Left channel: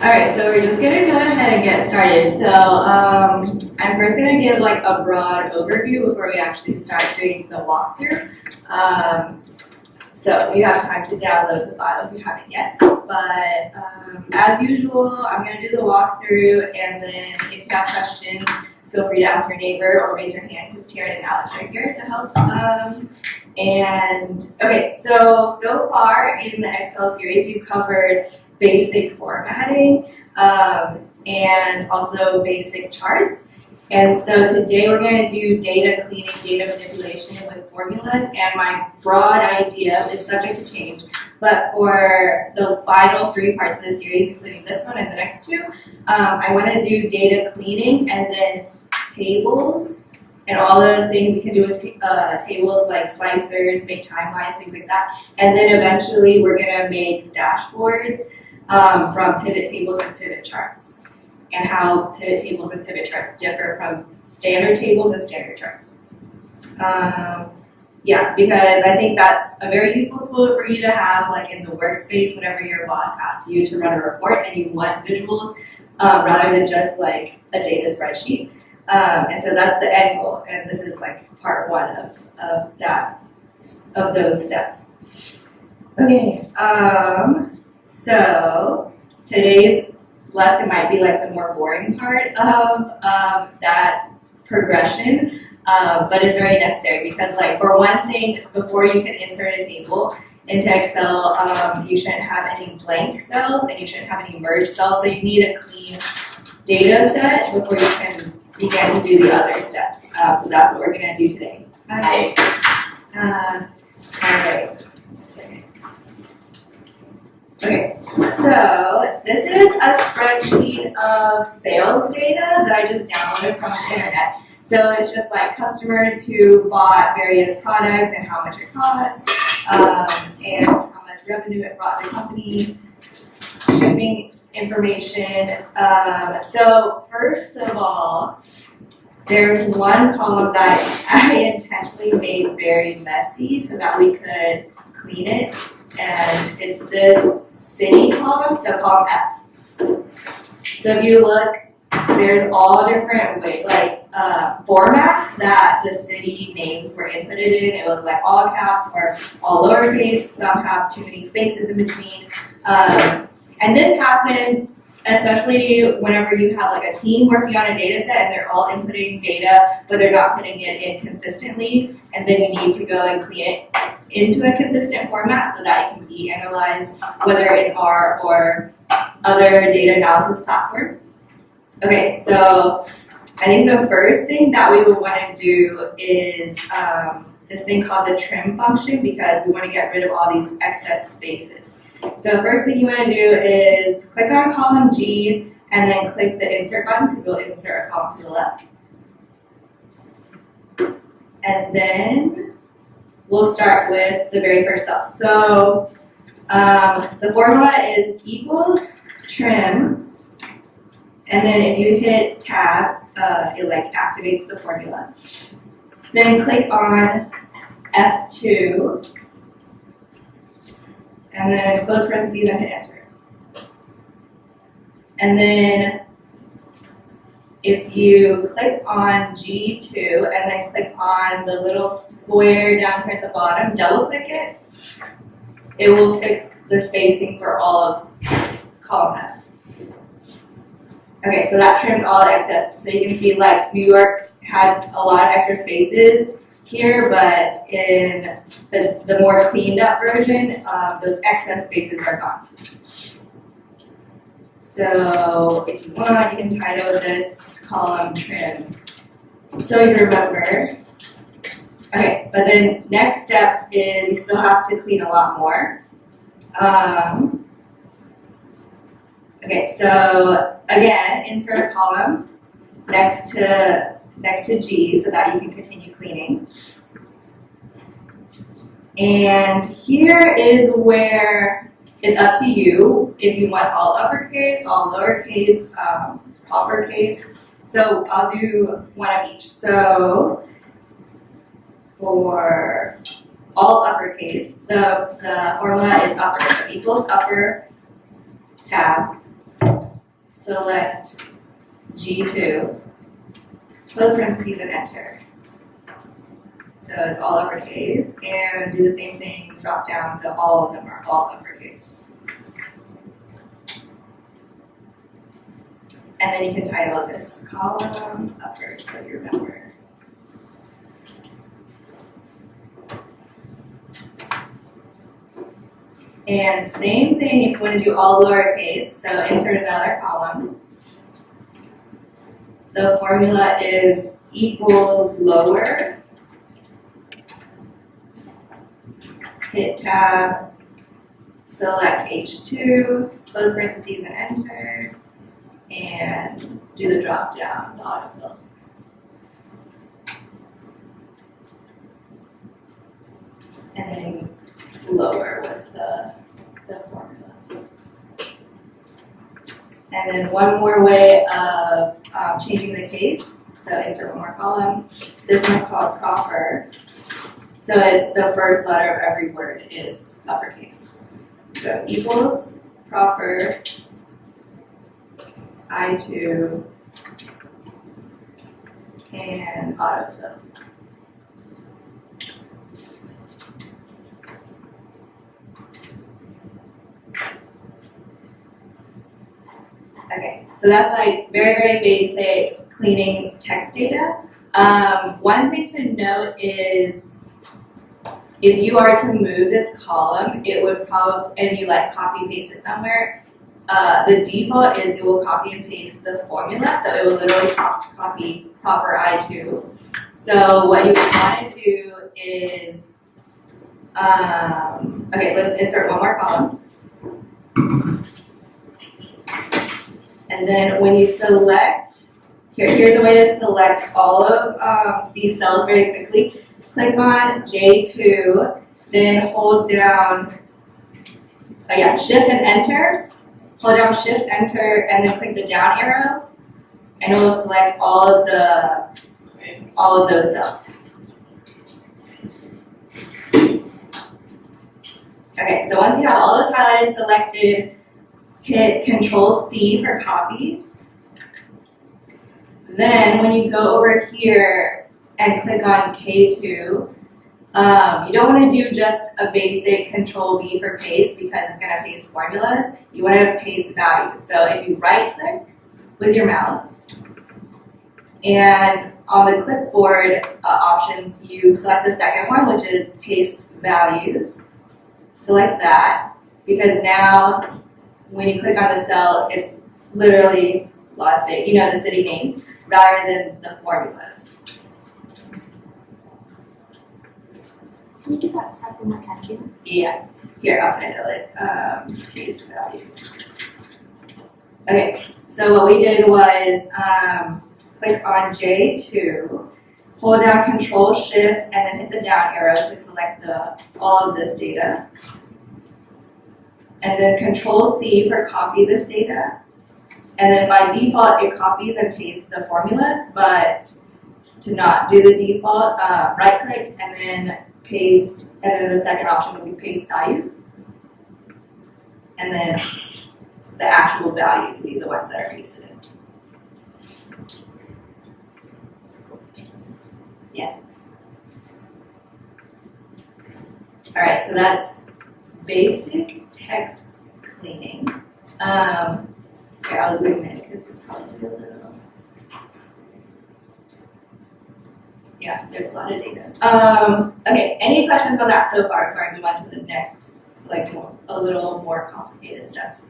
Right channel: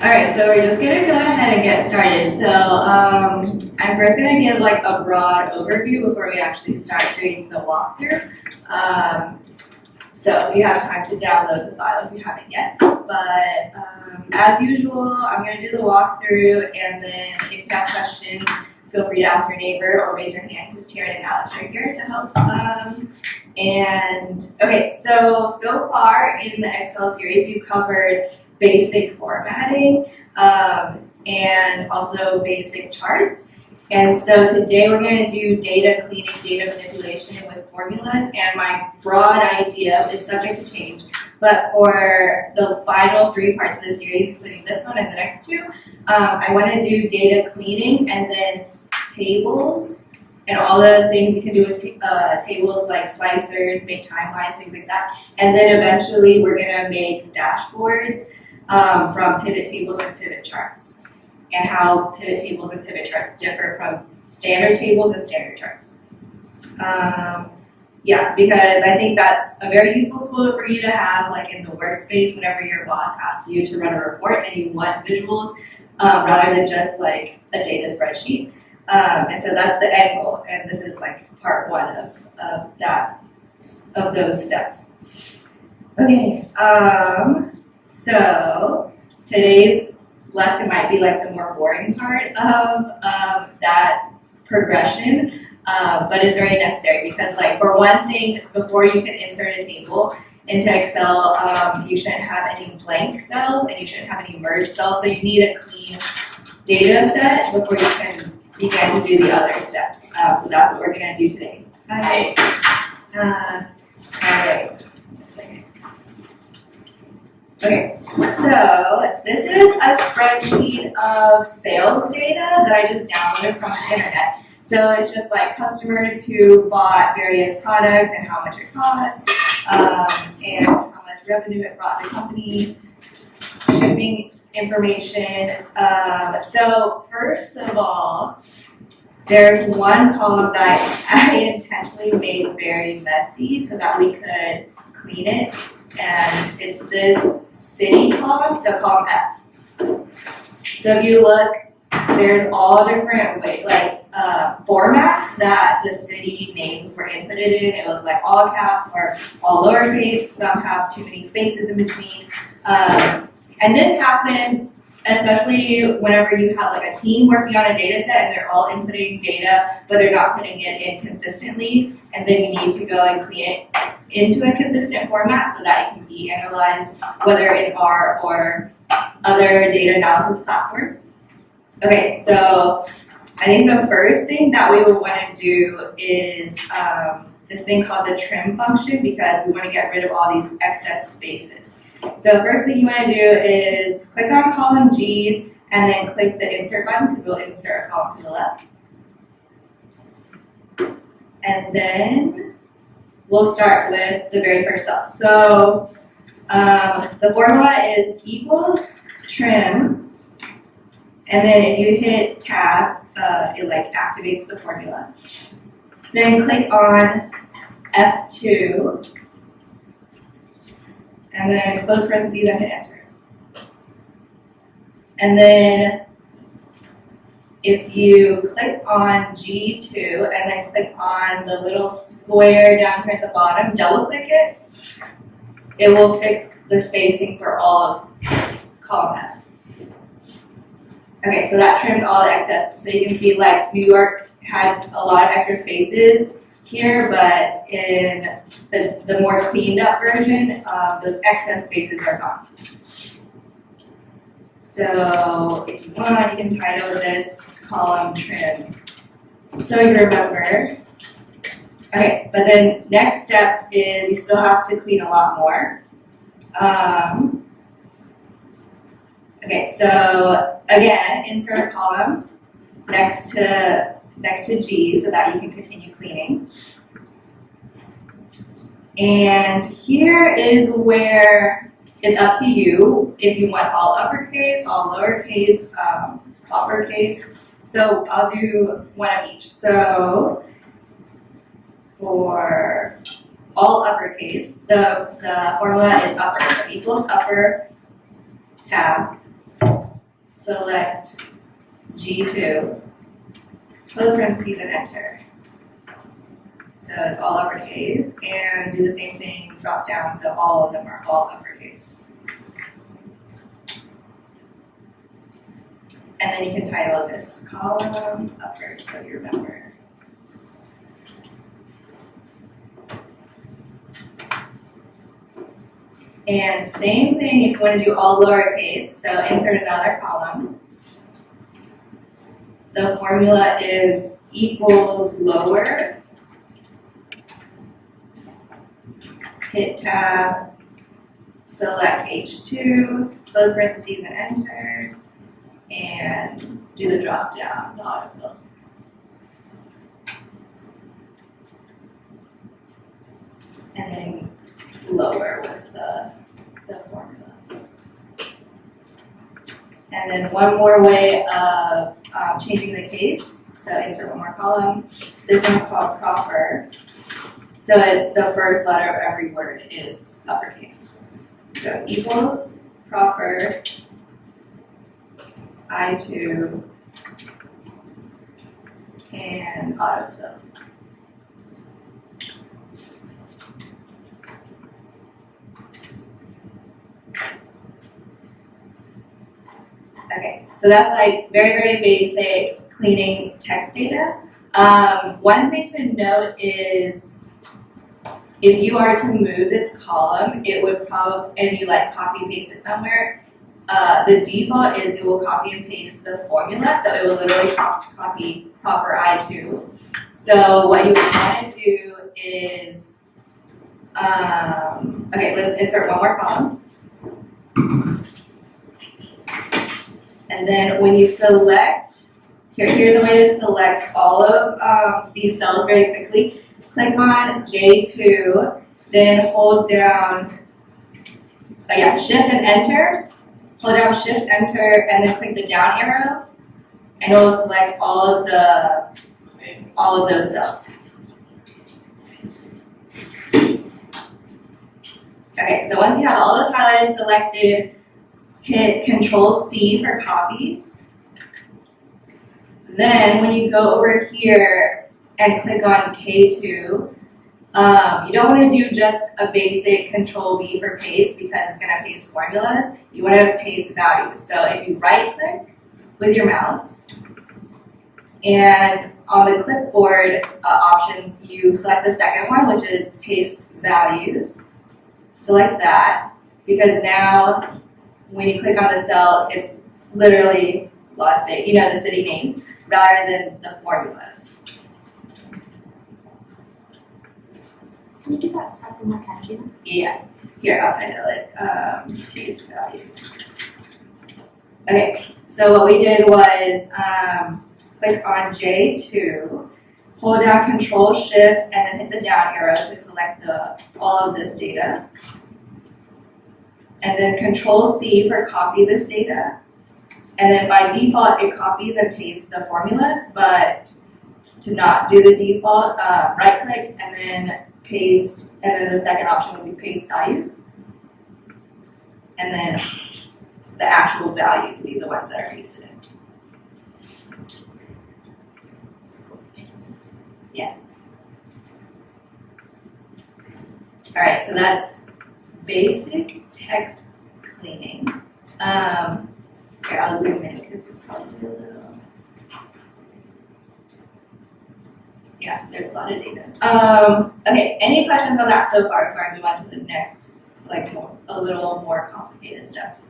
All right, so we're just gonna go ahead and get started. So I'm first gonna give like a broad overview before we actually start doing the walkthrough. So you have time to download the file if you haven't yet. But as usual, I'm gonna do the walkthrough, and then if you have questions, feel free to ask your neighbor or raise your hand because Taryn and Alex are here to help. Okay, so far in the Excel series, we've covered basic formatting and also basic charts. And so today we're going to do data cleaning, data manipulation with formulas, and my broad idea is subject to change. But for the final 3 parts of the series, including this one and the next 2, I want to do data cleaning and then tables and all the things you can do with tables like slicers, make timelines, things like that. And then eventually we're going to make dashboards from pivot tables and pivot charts, and how pivot tables and pivot charts differ from standard tables and standard charts. Yeah, because I think that's a very useful tool for you to have like in the workspace whenever your boss asks you to run a report and you want visuals rather than just like a data spreadsheet. And so that's the end goal, and this is like part 1 of those steps. Okay, so today's lesson might be like the more boring part of that progression, but it's very necessary because, like, for one thing, before you can insert a table into Excel, you shouldn't have any blank cells and you shouldn't have any merged cells, so you need a clean data set before you can begin to do the other steps. So that's what we're going to do today. Okay. All right. Okay, so this is a spreadsheet of sales data that I just downloaded from the internet. So it's just like customers who bought various products and how much it cost, and how much revenue it brought the company, shipping information. So first of all, there's one column that I intentionally made very messy so that we could clean it. And it's this city column, so column F. So if you look, there's all different formats that the city names were inputted in. It was like all caps or all lowercase. Some have too many spaces in between. And this happens especially whenever you have like a team working on a data set and they're all inputting data, but they're not putting it in consistently. And then you need to go and clean it into a consistent format so that it can be analyzed, whether in R or other data analysis platforms. Okay, so I think the first thing that we would want to do is this thing called the trim function, because we want to get rid of all these excess spaces. So first thing you want to do is click on column G and then click the insert button because we'll insert a column to the left. And then we'll start with the very first cell. So the formula is equals trim, and then if you hit tab, it like activates the formula. Then click on F2, and then close parentheses and hit enter. And then if you click on G2 and then click on the little square down here at the bottom, double click it, it will fix the spacing for all of column F. Okay, so that trimmed all the excess. So you can see like New York had a lot of extra spaces here, but in the more cleaned up version, those excess spaces are gone. So if you want, you can title this column trim, so you remember. Okay, but then next step is you still have to clean a lot more. Okay, so again, insert a column next to G so that you can continue cleaning. And here is where it's up to you if you want all uppercase, all lowercase, uppercase. So I'll do one of each. So for all uppercase, the formula is upper, so equals upper tab select G2, close parentheses and enter. So it's all uppercase, and do the same thing, drop down, so all of them are all uppercase. And then you can title this column upper, so you remember. And same thing if you want to do all lowercase, so insert another column. The formula is equals lower. Hit tab, select H2, close parentheses and enter, and do the drop down, the autofill. And then lower was the formula. And then one more way of changing the case, so insert one more column. This one's called proper. So it's the first letter of every word is uppercase. So equals proper I2 and autofill. Okay, so that's like very, very basic cleaning text data. One thing to note is if you are to move this column, it would probably, and you like copy and paste it somewhere, the default is it will copy and paste the formula, so it will literally copy proper I2. So what you would want to do is, okay, let's insert one more column. And then when you select, here's a way to select all of these cells very quickly. Click on J2, then hold down, Shift and Enter. Hold down Shift, Enter, and then click the down arrow, and it will select all of those cells. Okay, so once you have all those highlighted selected, hit Control-C for copy. Then when you go over here and click on K2, you don't want to do just a basic Control-V for paste because it's going to paste formulas. You want to paste values. So if you right-click with your mouse, and on the clipboard options, you select the second one, which is paste values. Select that, because now when you click on the cell, it's literally Las Vegas, the city names, rather than the formulas. Can you do that step one more time, Gina? Yeah. Here, I'll title it paste values. Okay, so what we did was click on J2, hold down Control-Shift, and then hit the down arrow to select all of this data. And then Control-C for copy this data. And then by default, it copies and pastes the formulas, but to not do the default, right-click and then paste, and then the second option would be paste values. And then the actual values would be the ones that are pasted in. Yeah. All right, so that's basic text cleaning. Here, I'll zoom in because it's probably a little. Yeah, there's a lot of data. Okay, any questions on that so far before I move on to the next, a little more complicated steps?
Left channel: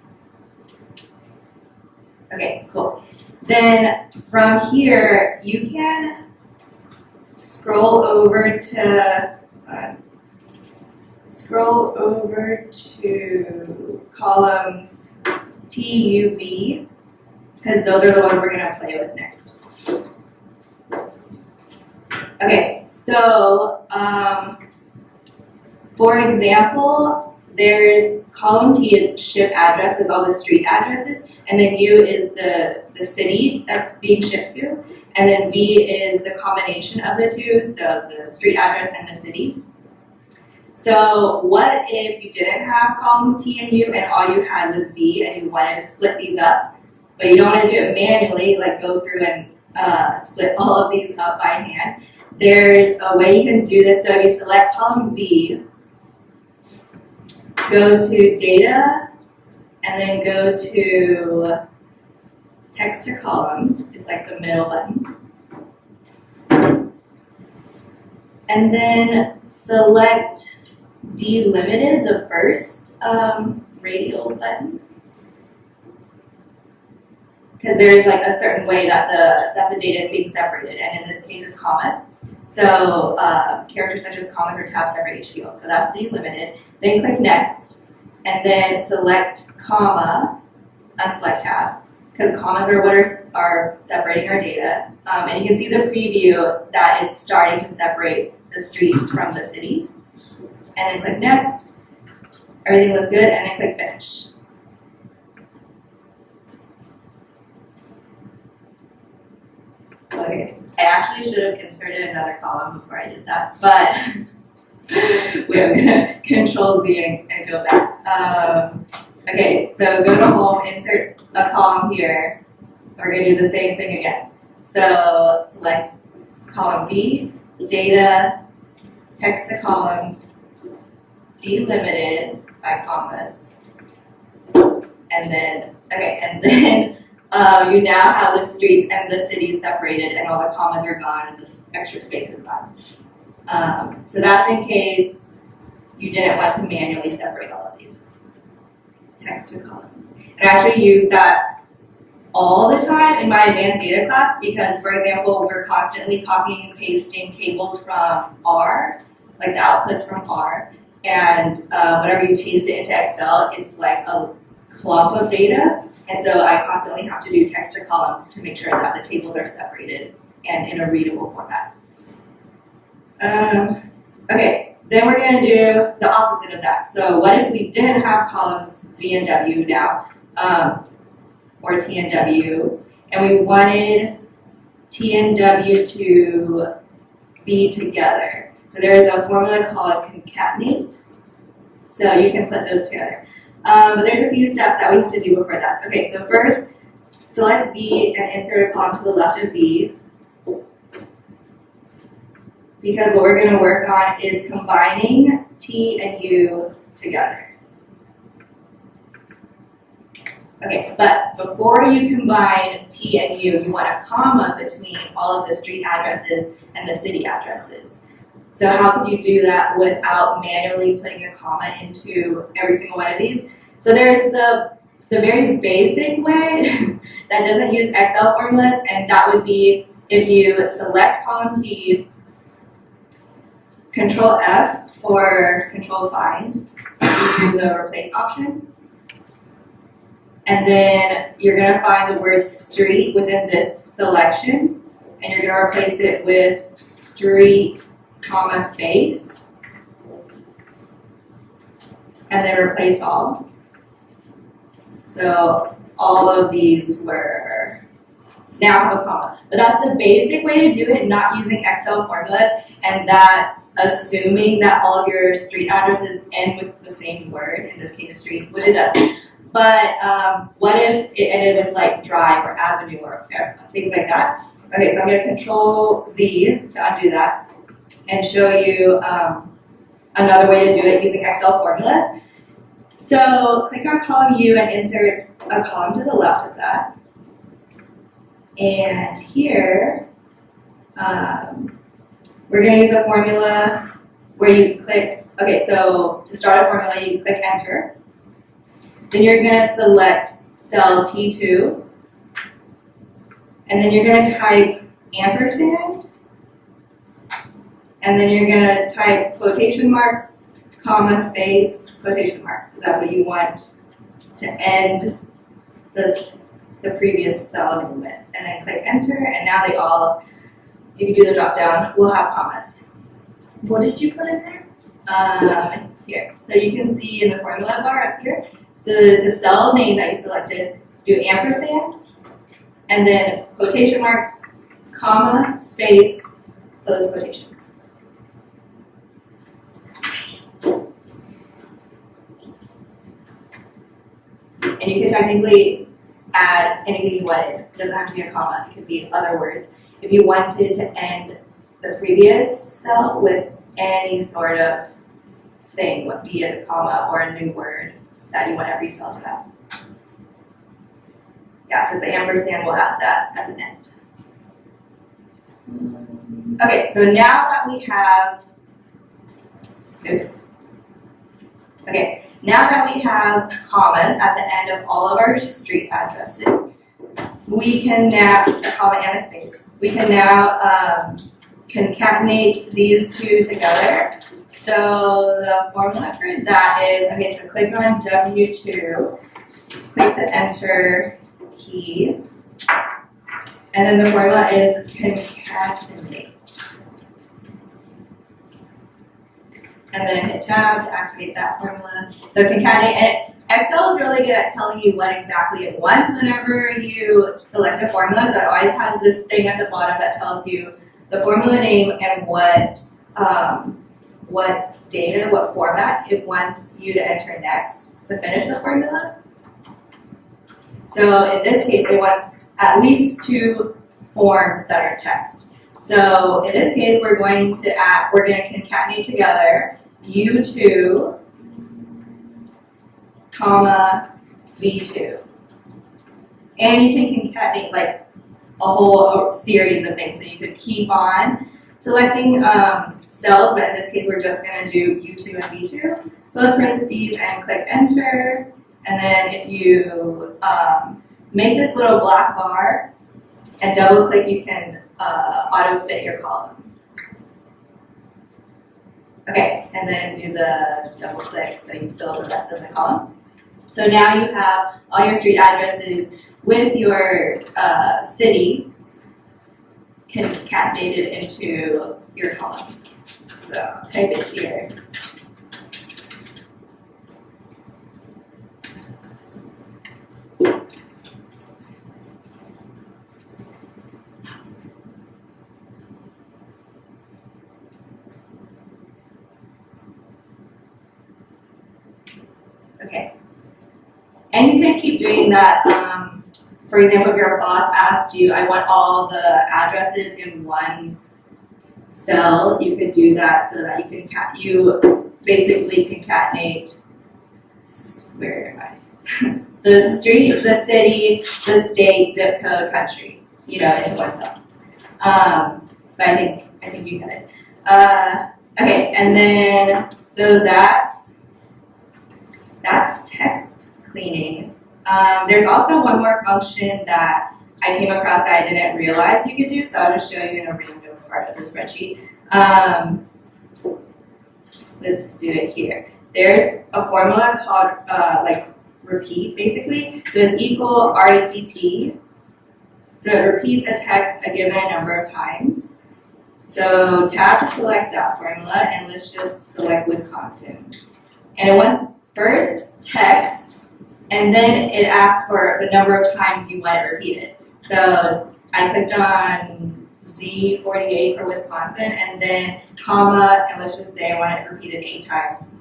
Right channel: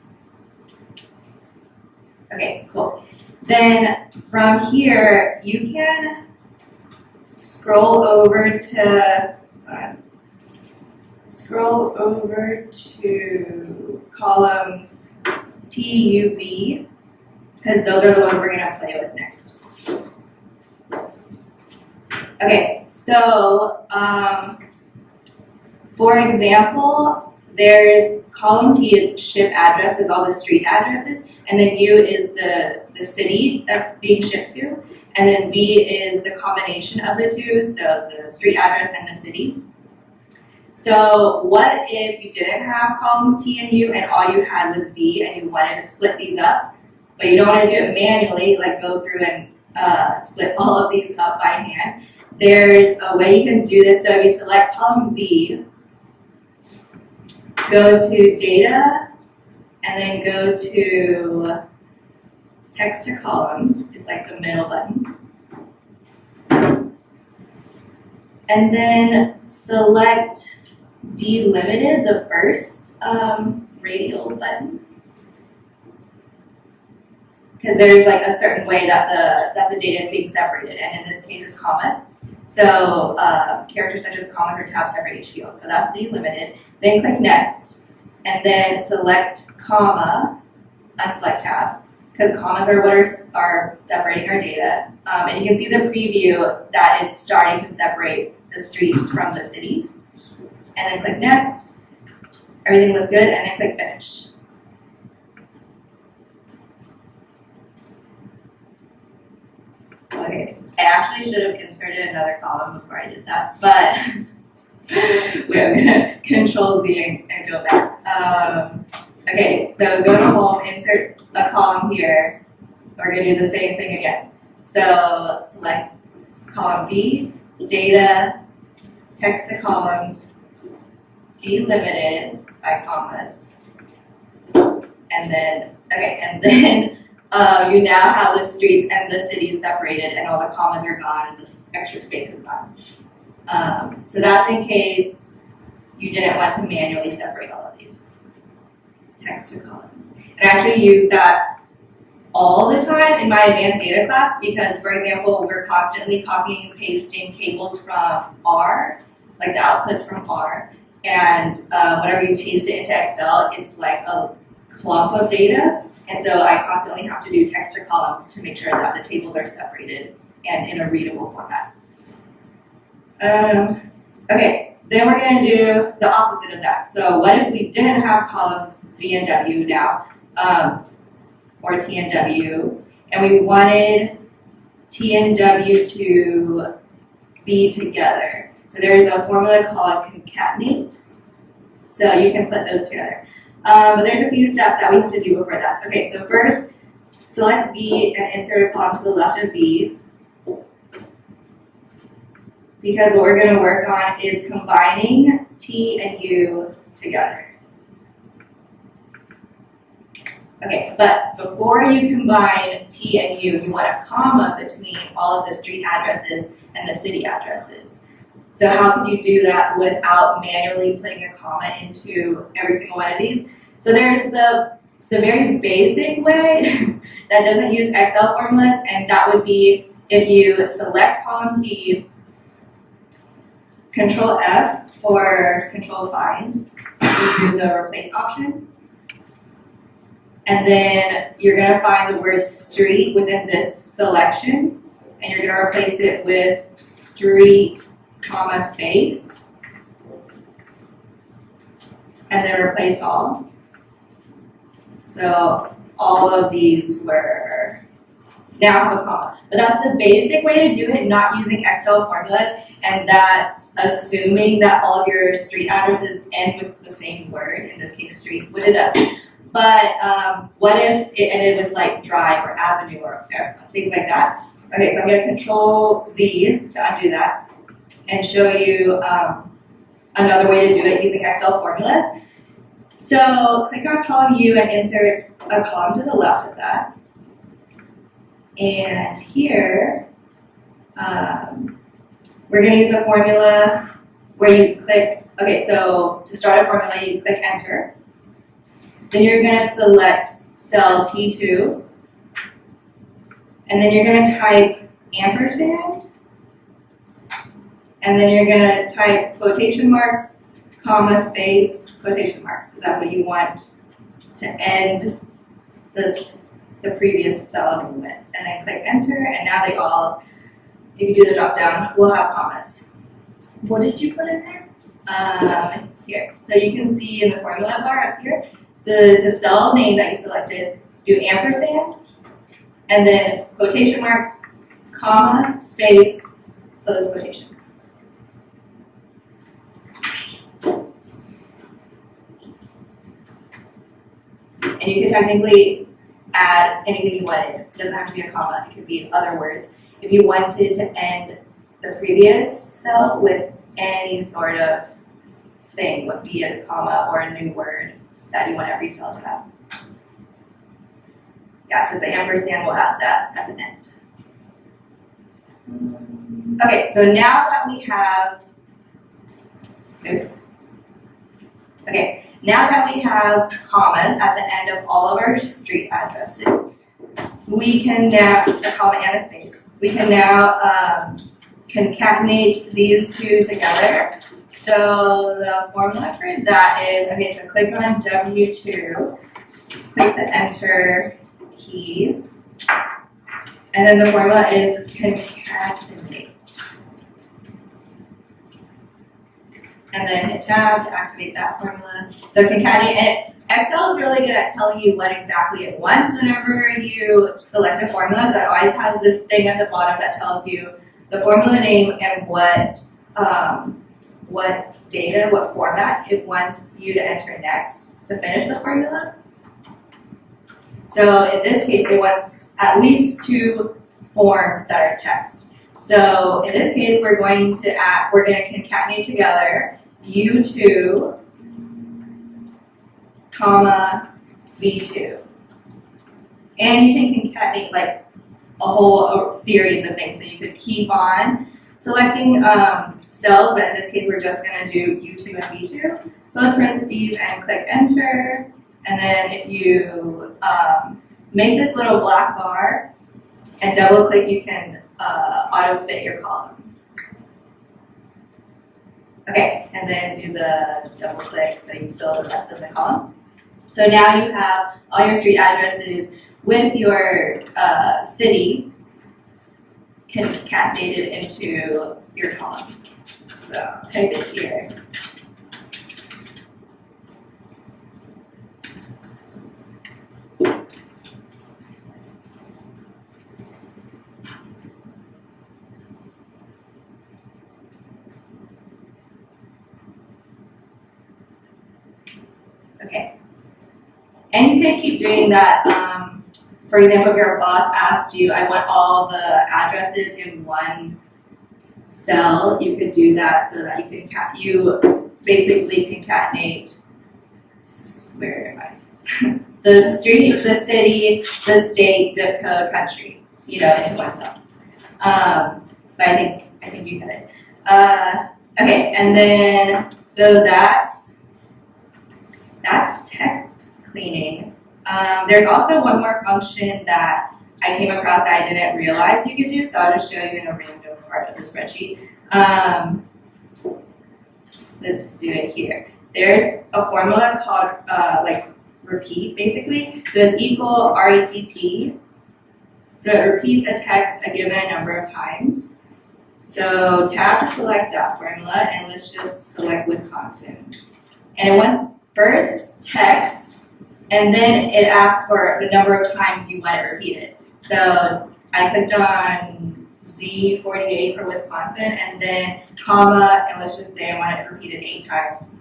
Okay, cool. Then from here, you can scroll over to columns T, U, V, because those are the ones we're going to play with next. Okay, so for example, there's column T is ship addresses, all the street addresses, and then U is the city that's being shipped to, and then V is the combination of the two, so the street address and the city. So what if you didn't have columns T and U and all you had was V and you wanted to split these up? but you don't want to do it manually, like go through and split all of these up by hand. There's a way you can do this. So if you select column B, go to data, and then go to text to columns. It's like the middle button. And then select delimited, the first radial button. Because there's like a certain way that the data is being separated, and in this case it's commas. So characters such as commas or tabs separate each field. So that's delimited. Then click next, and then select comma, unselect tab, because commas are what are separating our data. And you can see the preview that it's starting to separate the streets from the cities. And then click next. Everything looks good, and then click finish. Okay, I actually should have inserted another column before I did that, but we're gonna Control Z and go back. Okay, so go to home, insert a column here. We're gonna do the same thing again. So select column B, data, text to columns, delimited by commas, and then, you now have the streets and the cities separated, and all the commas are gone, and this extra space is gone. So that's in case you didn't want to manually separate all of these text to columns. And I actually use that all the time in my advanced data class because, for example, we're constantly copying and pasting tables from R, like the outputs from R, and whenever you paste it into Excel, it's like a clump of data. And so I constantly have to do text to columns to make sure that the tables are separated and in a readable format. Okay, then we're going to do the opposite of that. So what if we didn't have columns V and W now, or T and W, and we wanted T and W to be together? So there is a formula called concatenate. So you can put those together. But there's a few steps that we have to do before that. Okay, so first, select V and insert a column to the left of V. Because what we're going to work on is combining T and U together. Okay, but before you combine T and U, you want a comma between all of the street addresses and the city addresses. So how could you do that without manually putting a comma into every single one of these? So there's the very basic way that doesn't use Excel formulas, and that would be if you select column T, Control F for Control Find, you do the replace option. And then you're going to find the word street within this selection, and you're going to replace it with street, comma, space, and then replace all. So all of these were now have a comma. But that's the basic way to do it, not using Excel formulas, and that's assuming that all of your street addresses end with the same word, in this case street, which it does. But what if it ended with like drive or avenue or things like that? Okay, so I'm going to Control Z to undo that and show you another way to do it using Excel formulas. So click on column U and insert a column to the left of that. And here, we're going to use a formula where you click, okay, so to start a formula, you click enter. Then you're going to select cell T2. And then you're going to type ampersand. And then you're going to type quotation marks, comma, space, quotation marks, because that's what you want to end the previous cell movement. And then click enter, and now they all, if you do the drop down, will have commas. What did you put in there? Here. So you can see in the formula bar up here, so the cell name that you selected, do ampersand, and then quotation marks, comma, space, close quotations. And you can technically add add anything you wanted. It doesn't have to be a comma, it could be other words. If you wanted to end the previous cell with any sort of thing, be it a comma or a new word that you want every cell to have. Yeah, because the ampersand will add that at the end. Okay, so now that we have, okay, now that we have commas at the end of all of our street addresses, we can now, a comma and a space, we can now concatenate these two together. So the formula for that is, okay, so click on W2, click the enter key, and then the formula is concatenate. And then hit tab to activate that formula. So concatenate it. Excel is really good at telling you what exactly it wants whenever you select a formula. So it always has this thing at the bottom that tells you the formula name and what data, what format it wants you to enter next to finish the formula. So in this case, it wants at least 2 forms that are text. So in this case, we're going to concatenate together U2, comma, V2. And you can concatenate like a whole series of things. So you could keep on selecting cells, but in this case, we're just going to do U2 and V2, close parentheses, and click enter. And then if you make this little black bar and double click, you can auto fit your column. Okay, and then do the double click so you fill the rest of the column. So now you have all your street addresses with your city concatenated into your column. So type it here. Okay. And you can keep doing that. For example, if your boss asked you, I want all the addresses in one cell, you could do that so that you basically concatenate, where am I? The street, the city, the state, zip code, country, into one cell. But I think you get it. Okay, and then, so that's text cleaning. There's also one more function that I came across that I didn't realize you could do, so I'll just show you in a random part of the spreadsheet. Let's do it here. There's a formula called repeat, basically. So it's equal REPT. So it repeats a text a given number of times. So tab to select that formula, and let's just select Wisconsin. And it wants first text, and then it asks for the number of times you want it repeated. So I clicked on Z48 for Wisconsin, and then comma, and let's just say I want it repeated 8 times.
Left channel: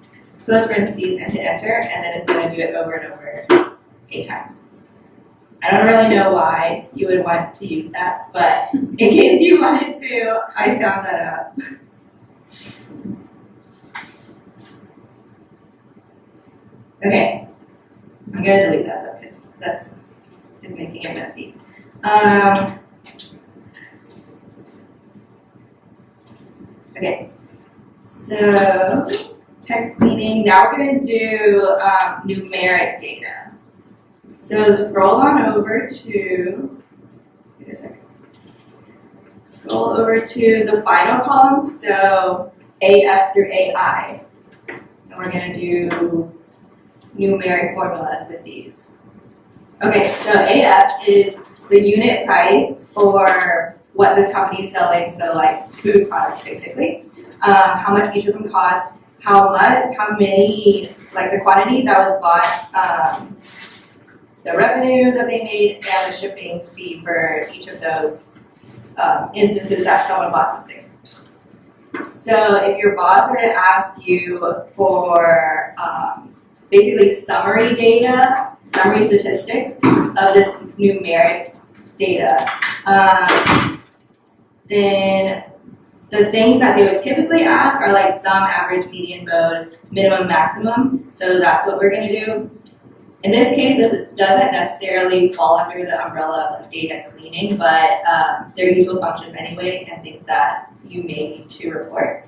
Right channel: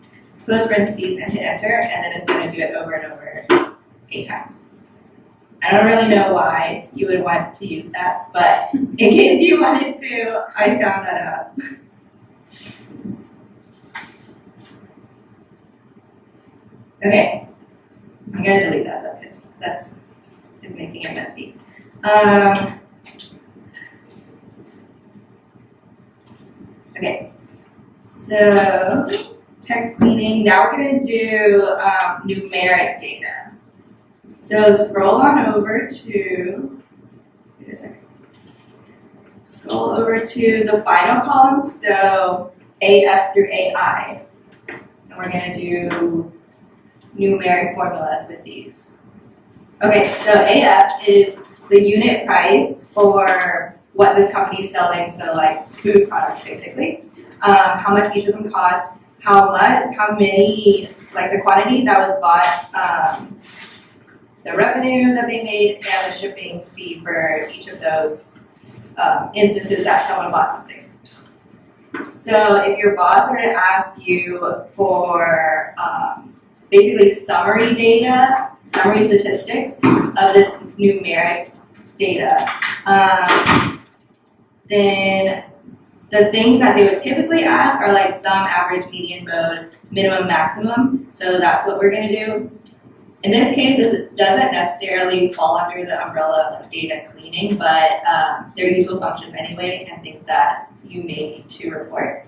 Close parentheses and hit enter, and then it's going to do it over and over 8 times. I don't really know why you would want to use that, but in case you wanted to, I found that out. Okay, I'm going to delete that though, because that's making it messy. Okay, so text cleaning. Now we're going to do numeric data. So scroll on over to, wait a second. Scroll over to the final columns, so AF through AI. And we're going to do numeric formulas with these. Okay, so AF is the unit price for what this company is selling, so like food products basically. How much each of them cost, how many, like the quantity that was bought, the revenue that they made, and the shipping fee for each of those instances that someone bought something. So if your boss were to ask you for basically summary data summary statistics of this numeric data. Then the things that they would typically ask are like sum, average, median, mode, minimum, maximum. So that's what we're going to do. In this case, this doesn't necessarily fall under the umbrella of data cleaning, but they're useful functions anyway and things that you may need to report.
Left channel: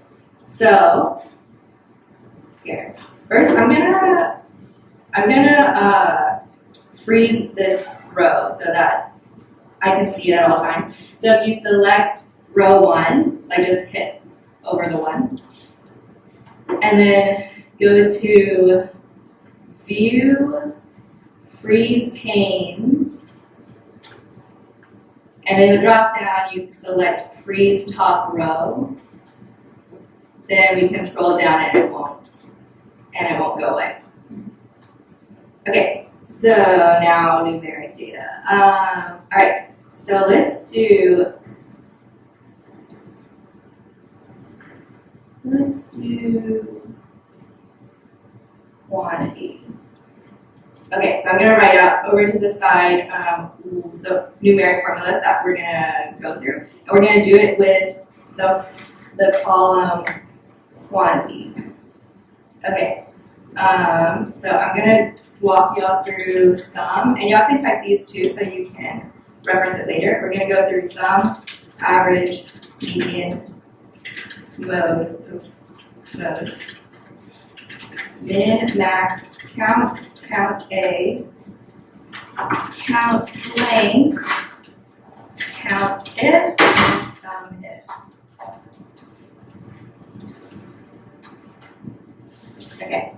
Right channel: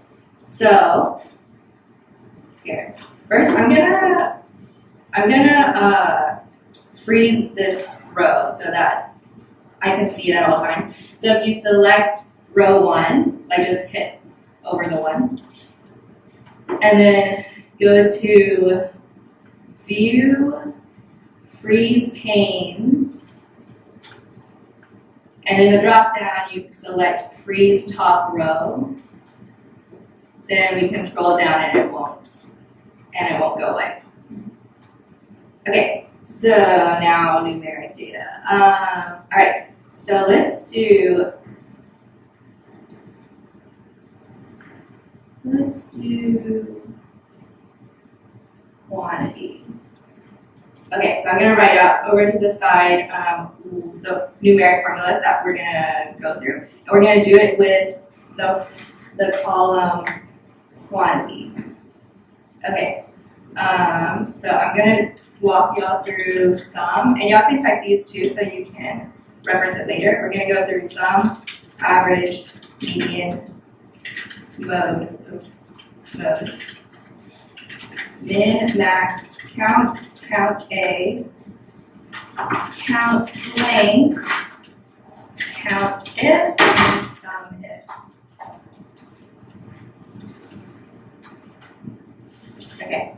So here, first I'm gonna freeze this row so that I can see it at all times. So if you select row 1, like just hit over the 1, and then go to View, Freeze Panes, and in the drop down you select Freeze Top Row. Then we can scroll down and it won't go away. Okay, so now numeric data. All right, so let's do quantity. Okay, so I'm going to write out over to the side the numeric formulas that we're going to go through. And we're going to do it with the column quantity. Okay, so I'm going to walk y'all through sum, and y'all can type these too so you can reference it later. We're going to go through sum, average, median, mode, min, max, count A, count length, count if, and sum if. Okay.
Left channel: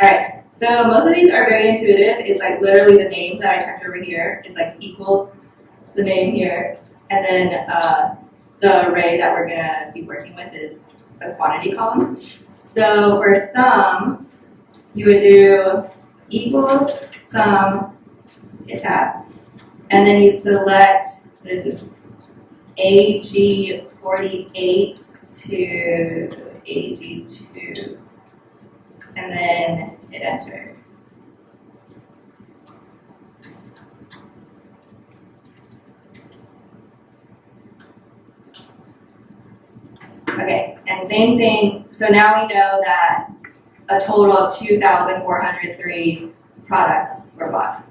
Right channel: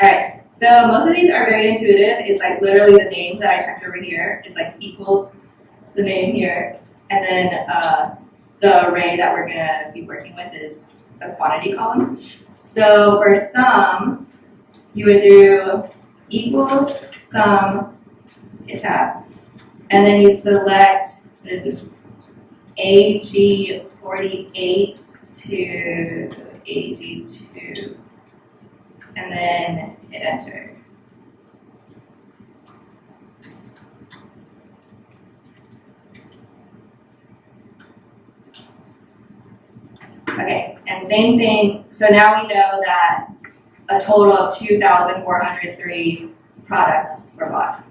All right, so most of these are very intuitive. It's like literally the name that I typed over here. It's like equals the name here, and then the array that we're gonna be working with is the quantity column. So for sum, you would do equals sum, hit tab, and then you select, what is this, AG48 to AG2, and then hit enter. Okay, and same thing, so now we know that a total of 2,403 products were bought.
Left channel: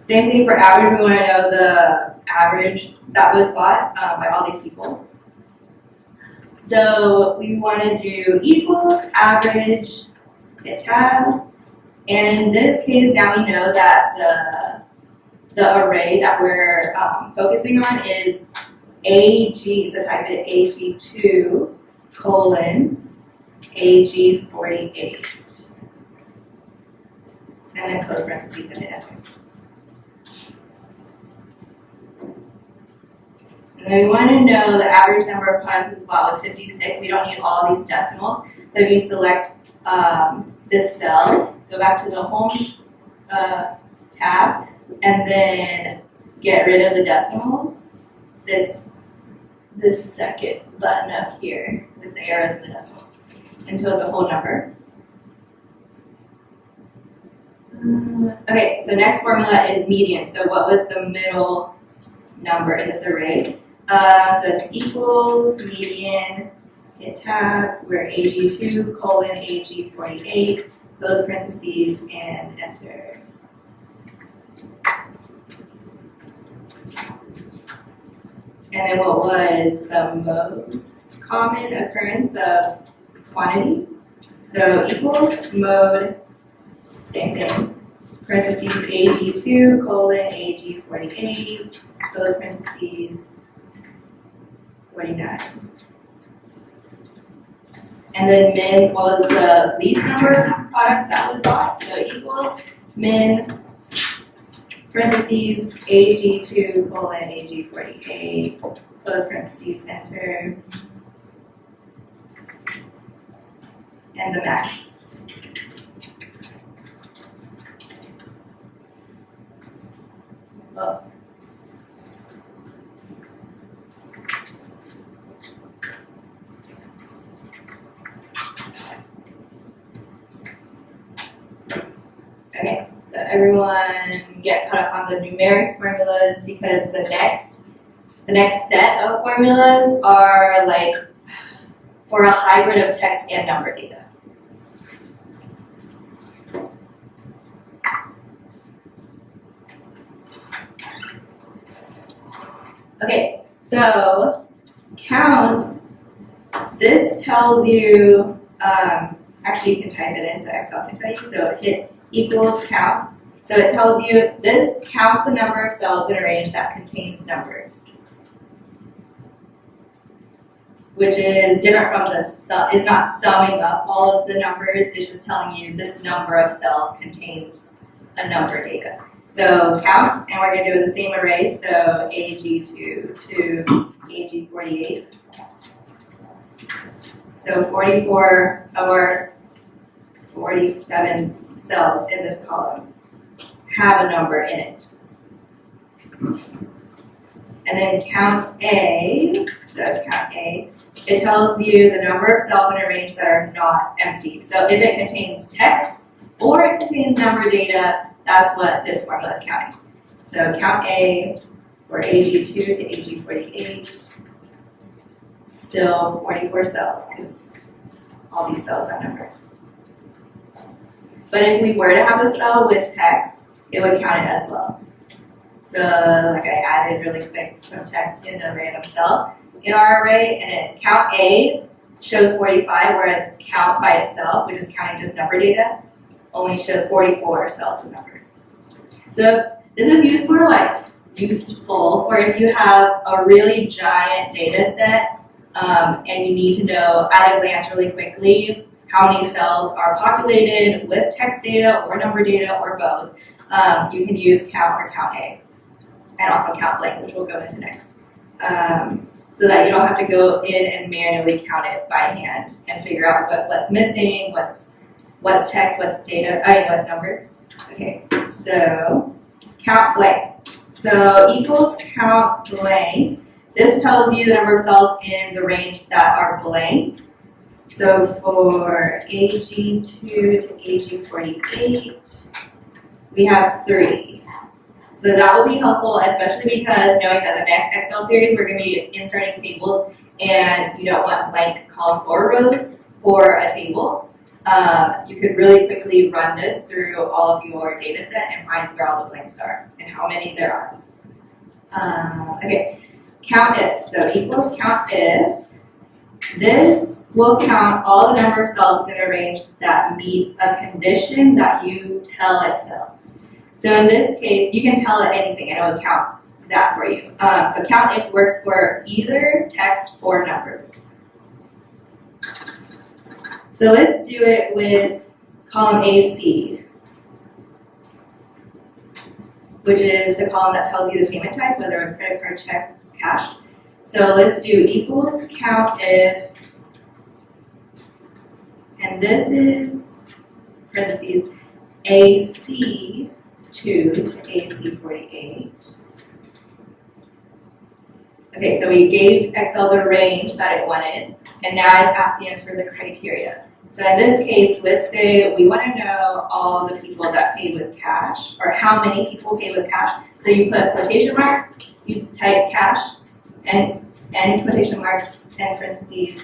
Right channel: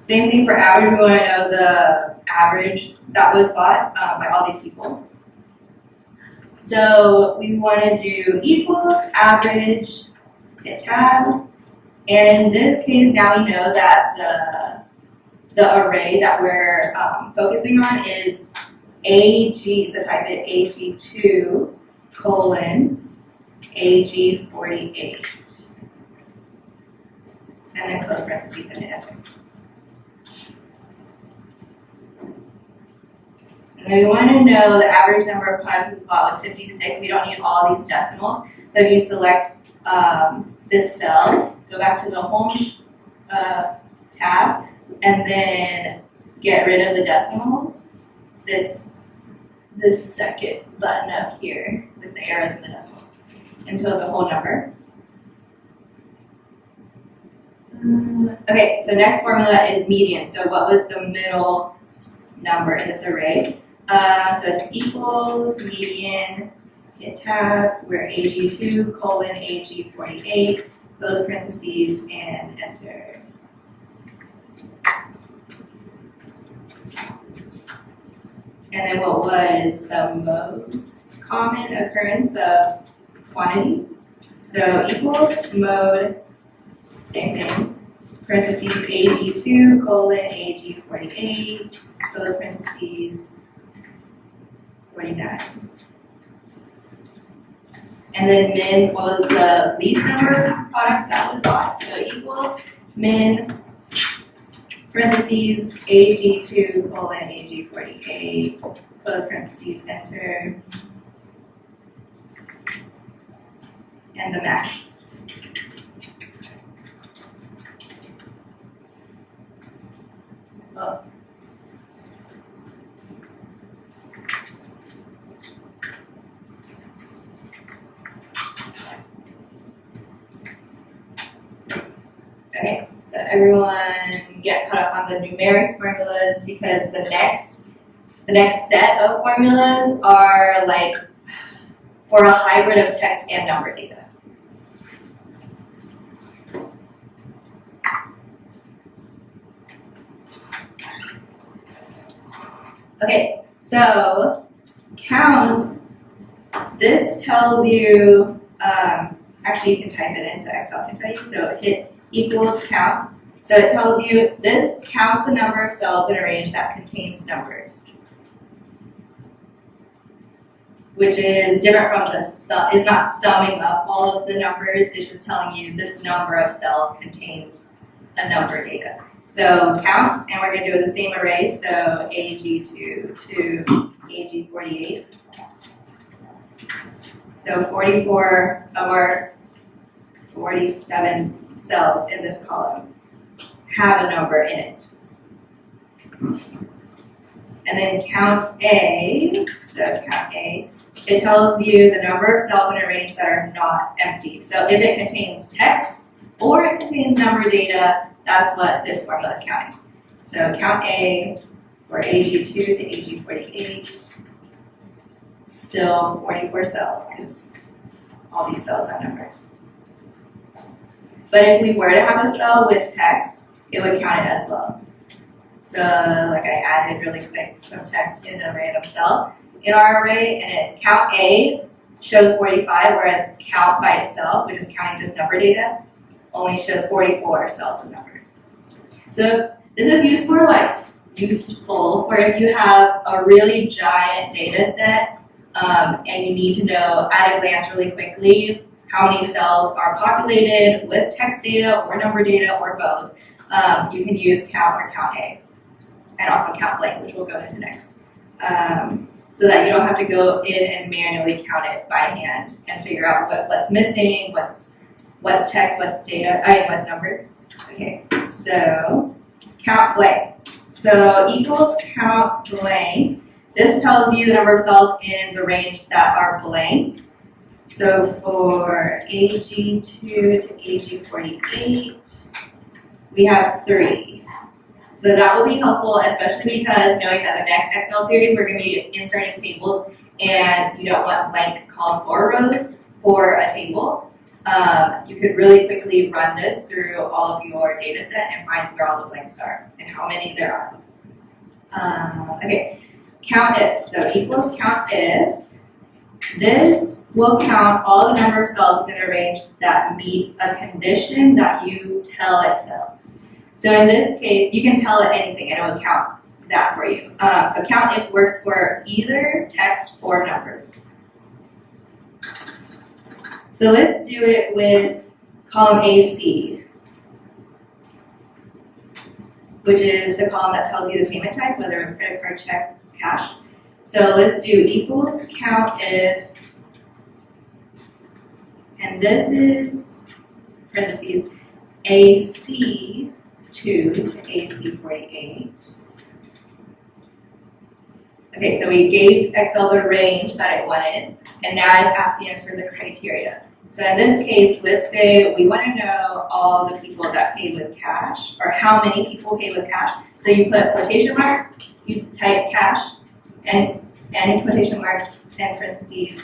Same thing for average, we want to know the average that was bought by all these people. So we want to do equals average, hit tab, and in this case now we know that the array that we're focusing on is AG, so type it AG2 colon AG48, and then close parentheses and hit enter. And we want to know the average number of products was bought was 56. We don't need all these decimals. So if you select this cell, go back to the home tab, and then get rid of the decimals. This second button up here with the arrows and the decimals until it's a whole number. Okay, so next formula is median. So what was the middle number in this array? So it's equals median, hit tab, we're AG2 colon AG48, close parentheses, and enter. And then what was the most common occurrence of quantity? So equals mode, same thing, parentheses AG2 colon AG48, close parentheses, 49. And then min was the least number of products that was bought. So equals min, parentheses AG2 colon AG48, close parentheses, enter, and the max. Oh. everyone get caught up on the numeric formulas because the next set of formulas are like for a hybrid of text and number data. Okay, so count, this tells you, actually you can type it in so Excel can tell you, so hit equals count. So it tells you this counts the number of cells in a range that contains numbers, which is different from the sum, is not summing up all of the numbers, it's just telling you this number of cells contains a number data. So count, and we're going to do the same array, so AG2 to AG48. So 44 of our 47 cells in this column have a number in it. And then count A, so count A, it tells you the number of cells in a range that are not empty. So if it contains text or it contains number data, that's what this formula is counting. So count A for AG2 to AG48, still 44 cells because all these cells have numbers. But if we were to have a cell with text, it would count it as well. So like I added really quick some text in a random cell in our array, and it count A shows 45, whereas count by itself, which is counting just number data, only shows 44 cells with numbers. So this is useful for if you have a really giant data set and you need to know at a glance really quickly how many cells are populated with text data or number data or both. You can use count or count A, and also count blank, which we'll go into next. So that you don't have to go in and manually count it by hand and figure out what's missing, what's text, what's data, what's numbers. Okay, so count blank. So equals count blank. This tells you the number of cells in the range that are blank. So for AG2 to AG48, we have 3. So that will be helpful, especially because knowing that the next Excel series we're going to be inserting tables and you don't want blank columns or rows for a table. You could really quickly run this through all of your data set and find where all the blanks are and how many there are. Okay, count if. So equals count if. This will count all the number of cells within a range that meet a condition that you tell Excel. So in this case, you can tell it anything and it will count that for you. So count if works for either text or numbers. So let's do it with column AC, which is the column that tells you the payment type, whether it's credit card, check, cash. So let's do equals count if, and this is parentheses AC2 to AC48. Okay, so we gave Excel the range that it wanted, and now it's asking us for the criteria. So in this case, let's say we want to know all the people that paid with cash, or how many people paid with cash. So you put quotation marks, you type cash, and quotation marks and parentheses,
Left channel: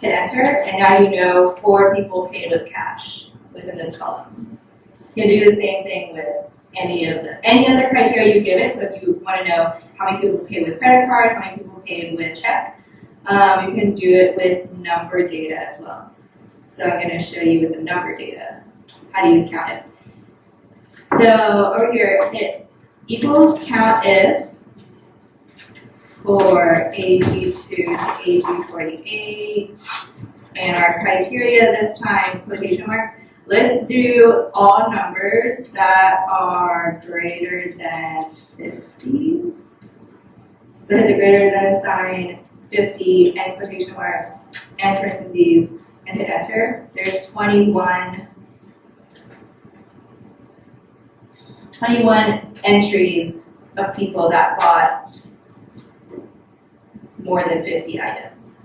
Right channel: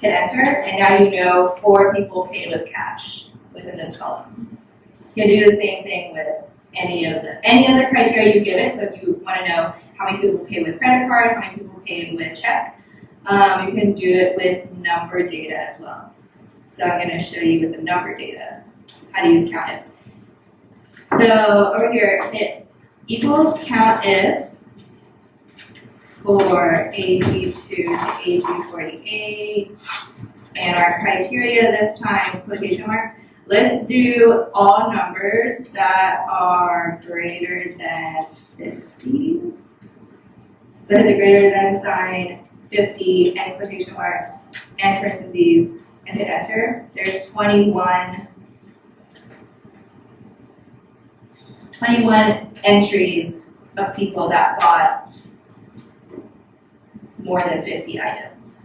hit enter, and now you know 4 people paid with cash within this column. You can do the same thing with any other criteria you give it. So if you want to know how many people paid with credit card, how many people paid with check, you can do it with number data as well. So I'm going to show you with the number data how to use count if. So over here, hit equals count if for AG2 to AG48, and our criteria this time, quotation marks. Let's do all numbers that are greater than 50. So hit the greater than sign, 50, and quotation marks, and parentheses, and hit enter. There's 21 entries of people that bought more than 50 items.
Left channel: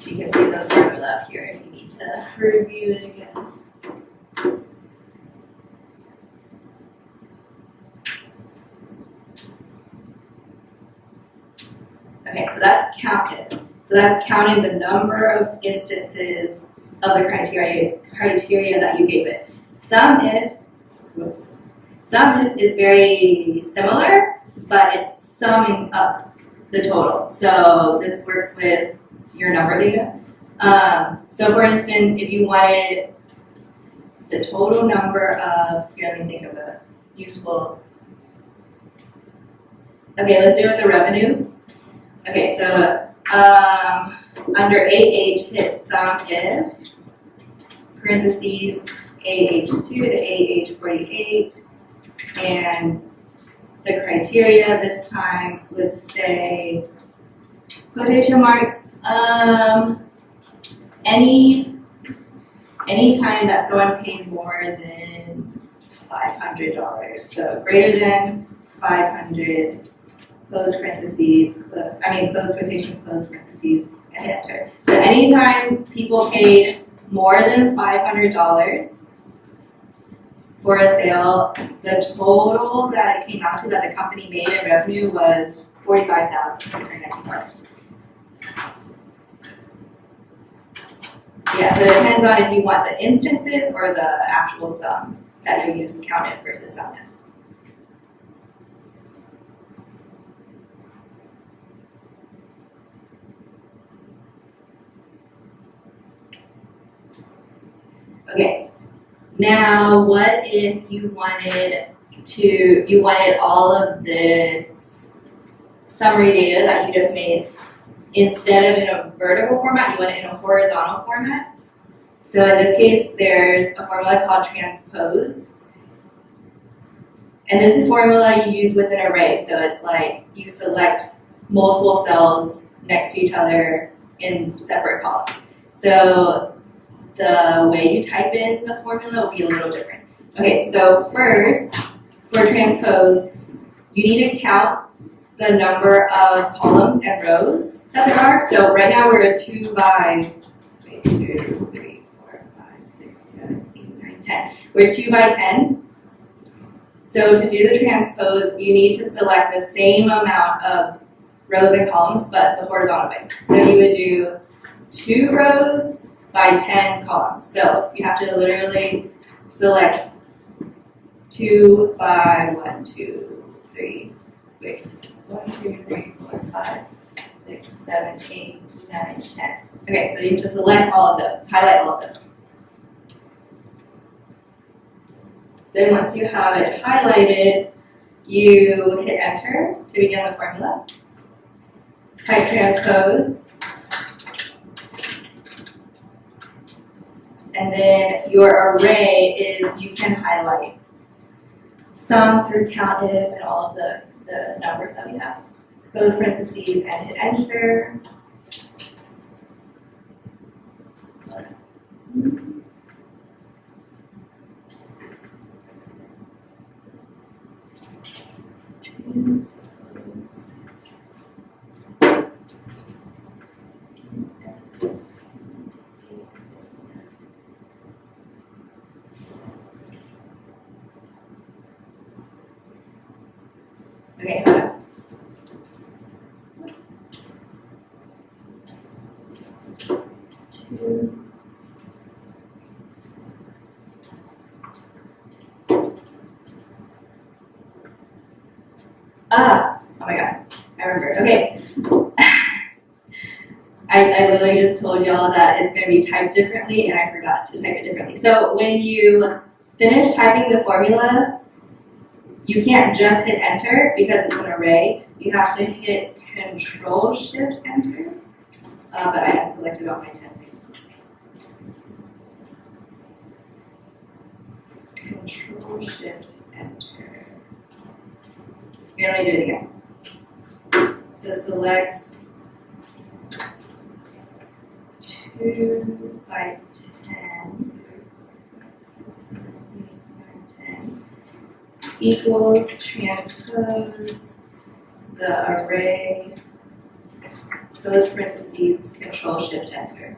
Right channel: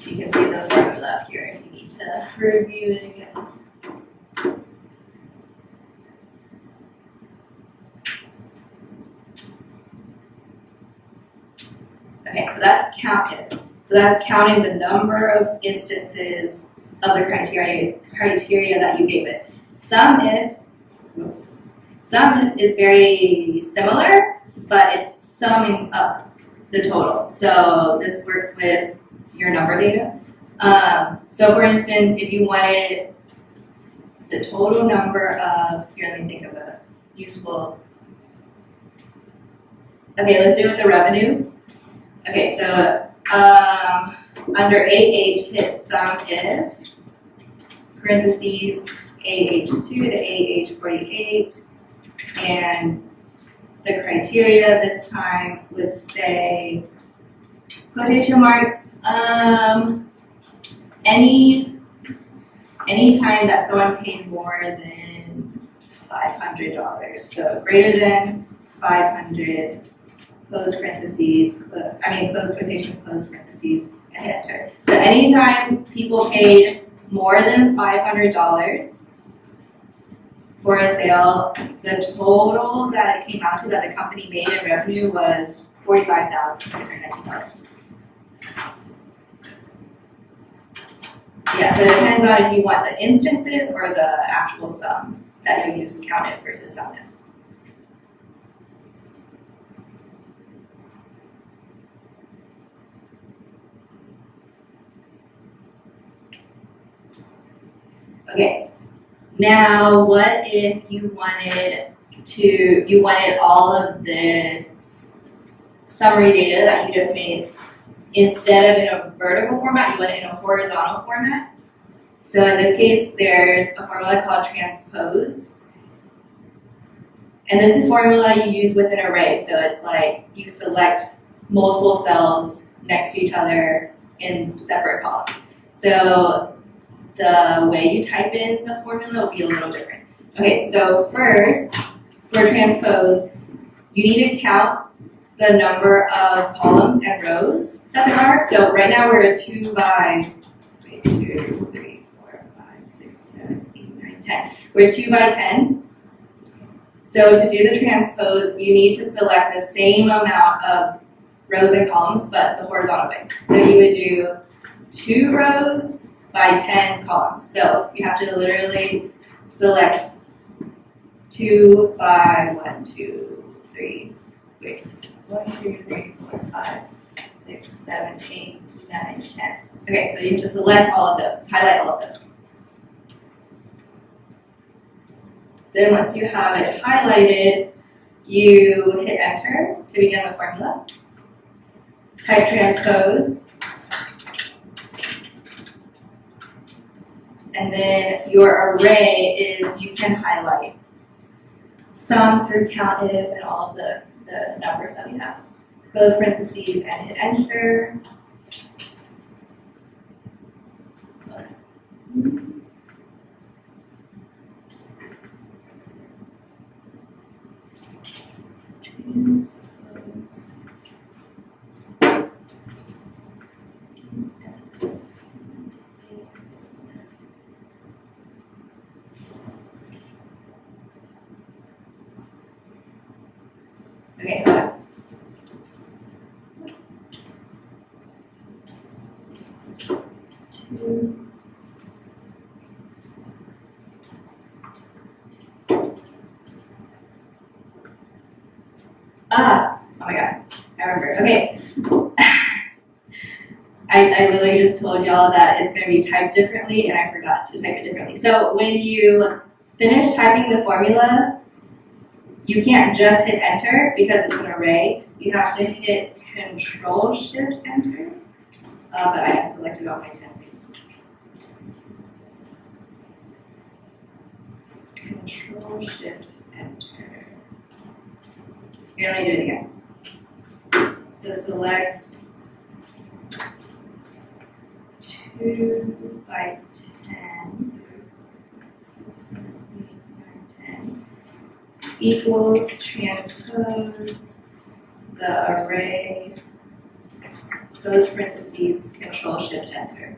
You can see the formula up here if you need to review it again. Okay, so that's counted. So that's counting the number of instances of the criteria that you gave it. Sum if is very similar, but it's summing up the total. So this works with your number data. So for instance, if you wanted the total number of, here, let me think of a useful. Okay, let's do it with the revenue. Okay, so under AH, hit sum if, parentheses, AH2 to AH48, and the criteria this time would say, quotation marks, any time that someone paid more than $500, so greater than 500, close parentheses, close quotations, close parentheses, and hit enter. So anytime people paid more than $500 for a sale, the total that it came out to that the company made in revenue was $45,619. Yeah, so it depends on if you want the instances or the actual sum that you use counted versus sum. Okay, now what if you wanted all of this summary data that you just made, instead of in a vertical format, you want it in a horizontal format. So in this case, there's a formula called transpose. And this is a formula you use with an array. So it's like you select multiple cells next to each other in separate columns. So the way you type in the formula will be a little different. Okay, so first, for transpose, you need to count the number of columns and rows that there are. So right now we're a 2 by 2, 3, 4, 5, 6, 7, 8, 9, 10. We're 2 by 10. So to do the transpose, you need to select the same amount of rows and columns, but the horizontal way. So you would do 2 rows by 10 columns. So you have to literally select 2 by 1, 2, 3, wait. 1, 2, 3, 4, 5, 6, 7, 8, 9, 10. Okay, so you have to select all of those, highlight all of those. Then once you have it highlighted, you hit enter to begin the formula. Type transpose. And then your array is, you can highlight sum through countif and all of the numbers that we have. Close parentheses and hit enter. Okay, hold on. Oh my god, I remember. Okay. I literally just told y'all that it's going to be typed differently, and I forgot to type it differently. So when you finish typing the formula, you can't just hit enter because it's an array. You have to hit Control-Shift-Enter, but I had selected all my 10 things. Control-Shift-Enter. Here, let me do it again. So select 2 by 10, 6, 7, 8, 9, 10 equals transpose the array, close parentheses, Control-Shift-Enter.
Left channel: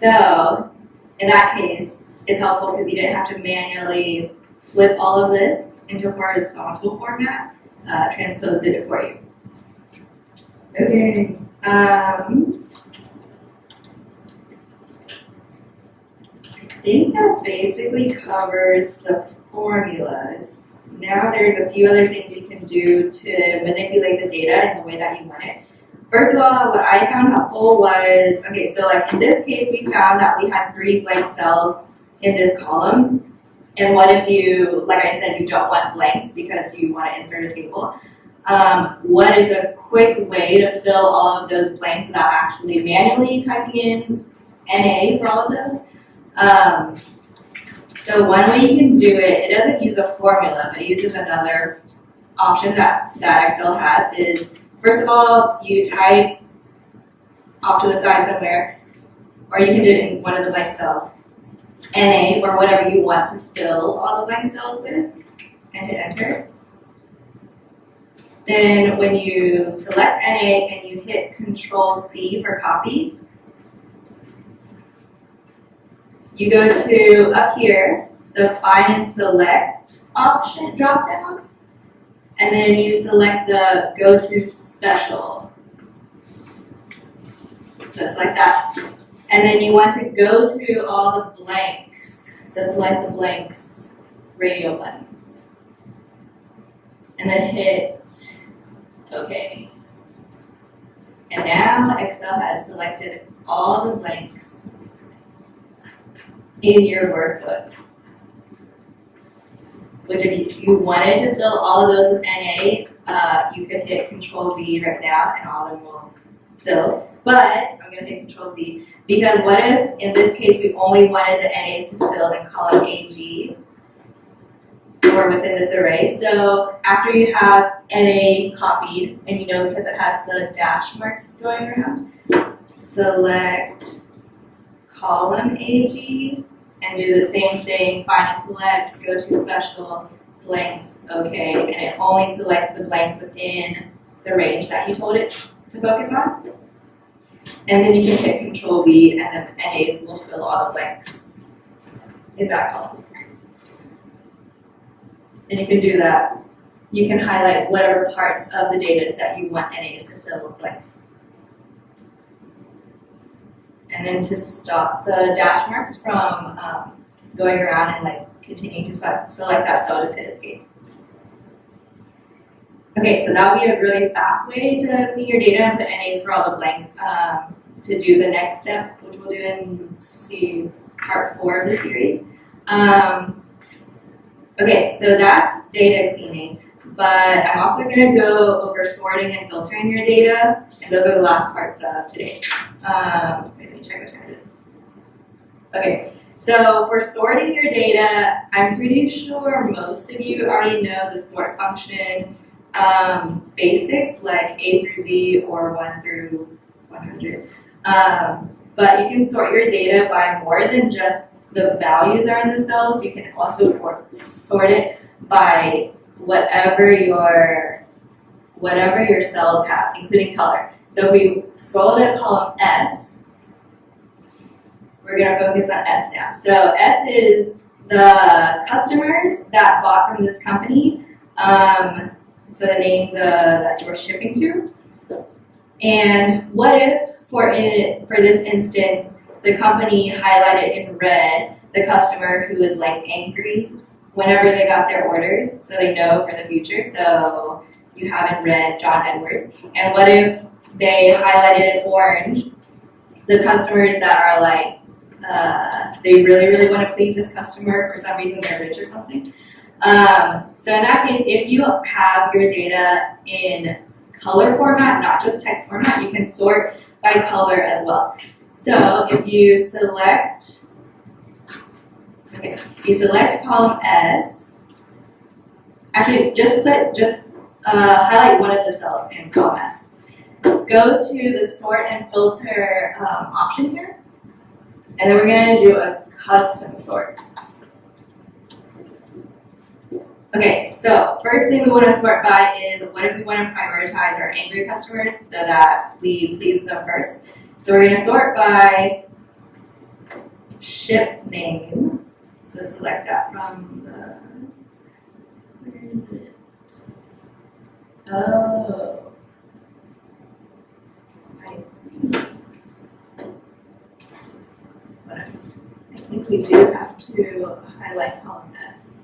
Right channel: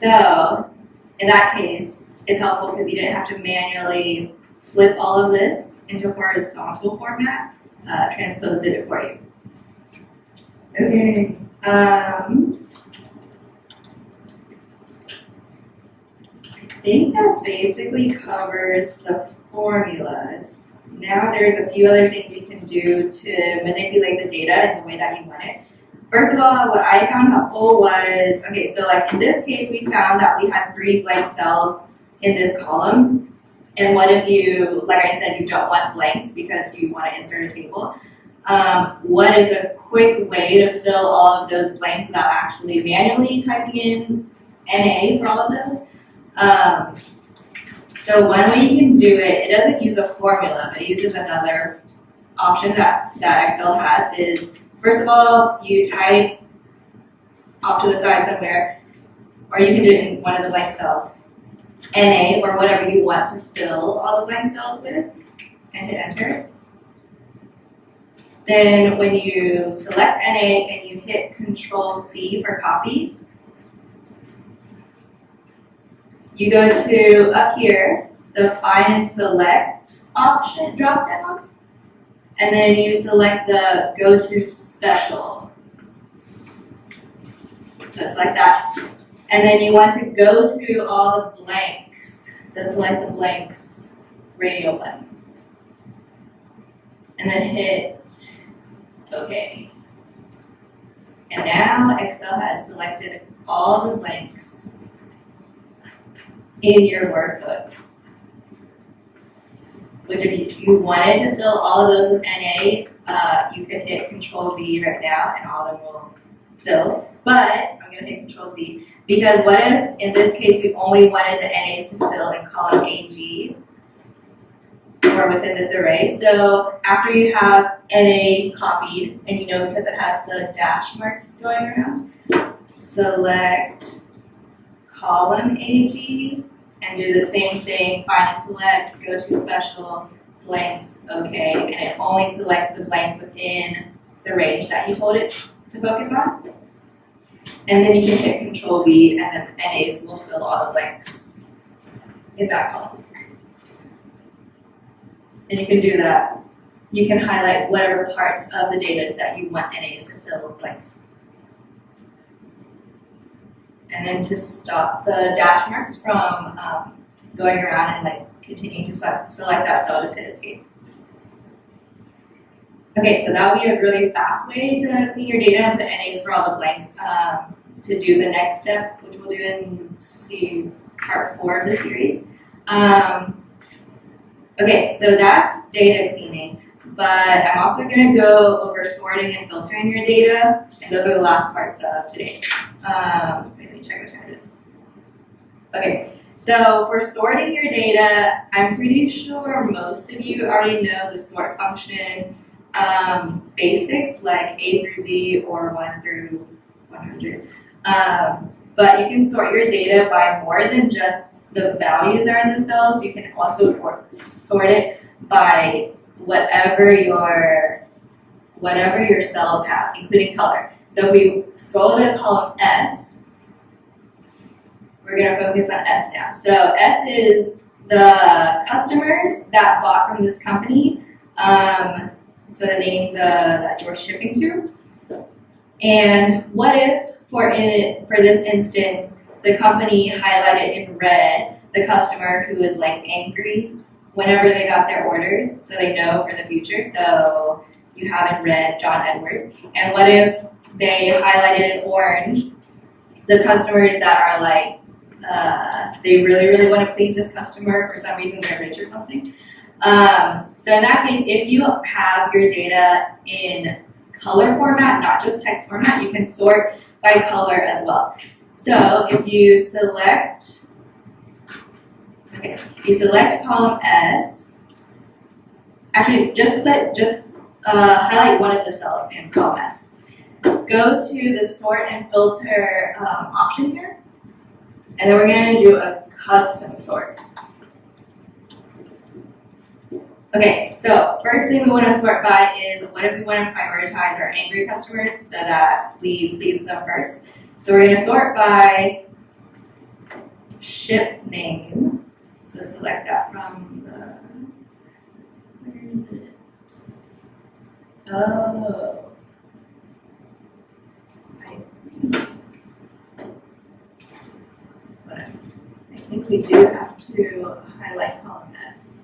So in that case, it's helpful because you didn't have to manually flip all of this into a horizontal format, transposed it for you. Okay. I think that basically covers the formulas. Now there's a few other things you can do to manipulate the data in the way that you want it. First of all, what I found helpful was, okay, so like in this case, we found that we had 3 blank cells in this column. And what if you, like I said, you don't want blanks because you want to insert a table? What is a quick way to fill all of those blanks without actually manually typing in NA for all of those? So one way you can do it, it doesn't use a formula, but it uses another option that Excel has is, first of all, you type off to the side somewhere, or you can do it in one of the blank cells, NA, or whatever you want to fill all the blank cells with, and hit enter. Then when you select NA and you hit Control-C for copy, you go to up here, the Find and Select option drop down, and then you select the Go to Special. So select that. And then you want to go to all the blanks. So select the blanks radio button. And then hit OK. And now Excel has selected all the blanks in your workbook. Which if you wanted to fill all of those with NA, you could hit Control-V right now and all of them will fill. But I'm going to hit Control-Z because what if, in this case, we only wanted the NAs to fill in column AG or within this array. So after you have NA copied, and you know because it has the dash marks going around, select column AG and do the same thing, find and select, go to special, blanks, OK, and it only selects the blanks within the range that you told it to focus on. And then you can hit Control-V and then NAs will fill all the blanks in that column. And you can do that. You can highlight whatever parts of the data set you want NAs to fill with blanks. And then to stop the dash marks from going around and like continuing to select that cell, just hit Escape. Okay, so that would be a really fast way to clean your data and put NAs for all the blanks. To do the next step, which we'll do in part 4 of the series. Okay, so that's data cleaning, but I'm also going to go over sorting and filtering your data, and those are the last parts of today. Let me check what time it is. Okay, so for sorting your data, I'm pretty sure most of you already know the sort function basics, like A through Z or 1 through 100. But you can sort your data by more than just the values are in the cells. You can also sort it by whatever your cells have, including color. So if we scroll to column S, we're going to focus on S now. So S is the customers that bought from this company. So the names that you're shipping to. And what if, for this instance, the company highlighted in red the customer who is like angry whenever they got their orders, so they know for the future. So you have in red John Edwards. And what if they highlighted in orange the customers that are like, they really, really want to please this customer for some reason, they're rich or something. So in that case, if you have your data in color format, not just text format, you can sort by color as well. So if you select, column S, actually just highlight one of the cells in column S. Go to the sort and filter option here, and then we're going to do a custom sort. Okay, so first thing we want to sort by is what if we want to prioritize our angry customers so that we please them first. So we're going to sort by ship name. So select that from the, where is it? Oh, I think we do have to highlight column S.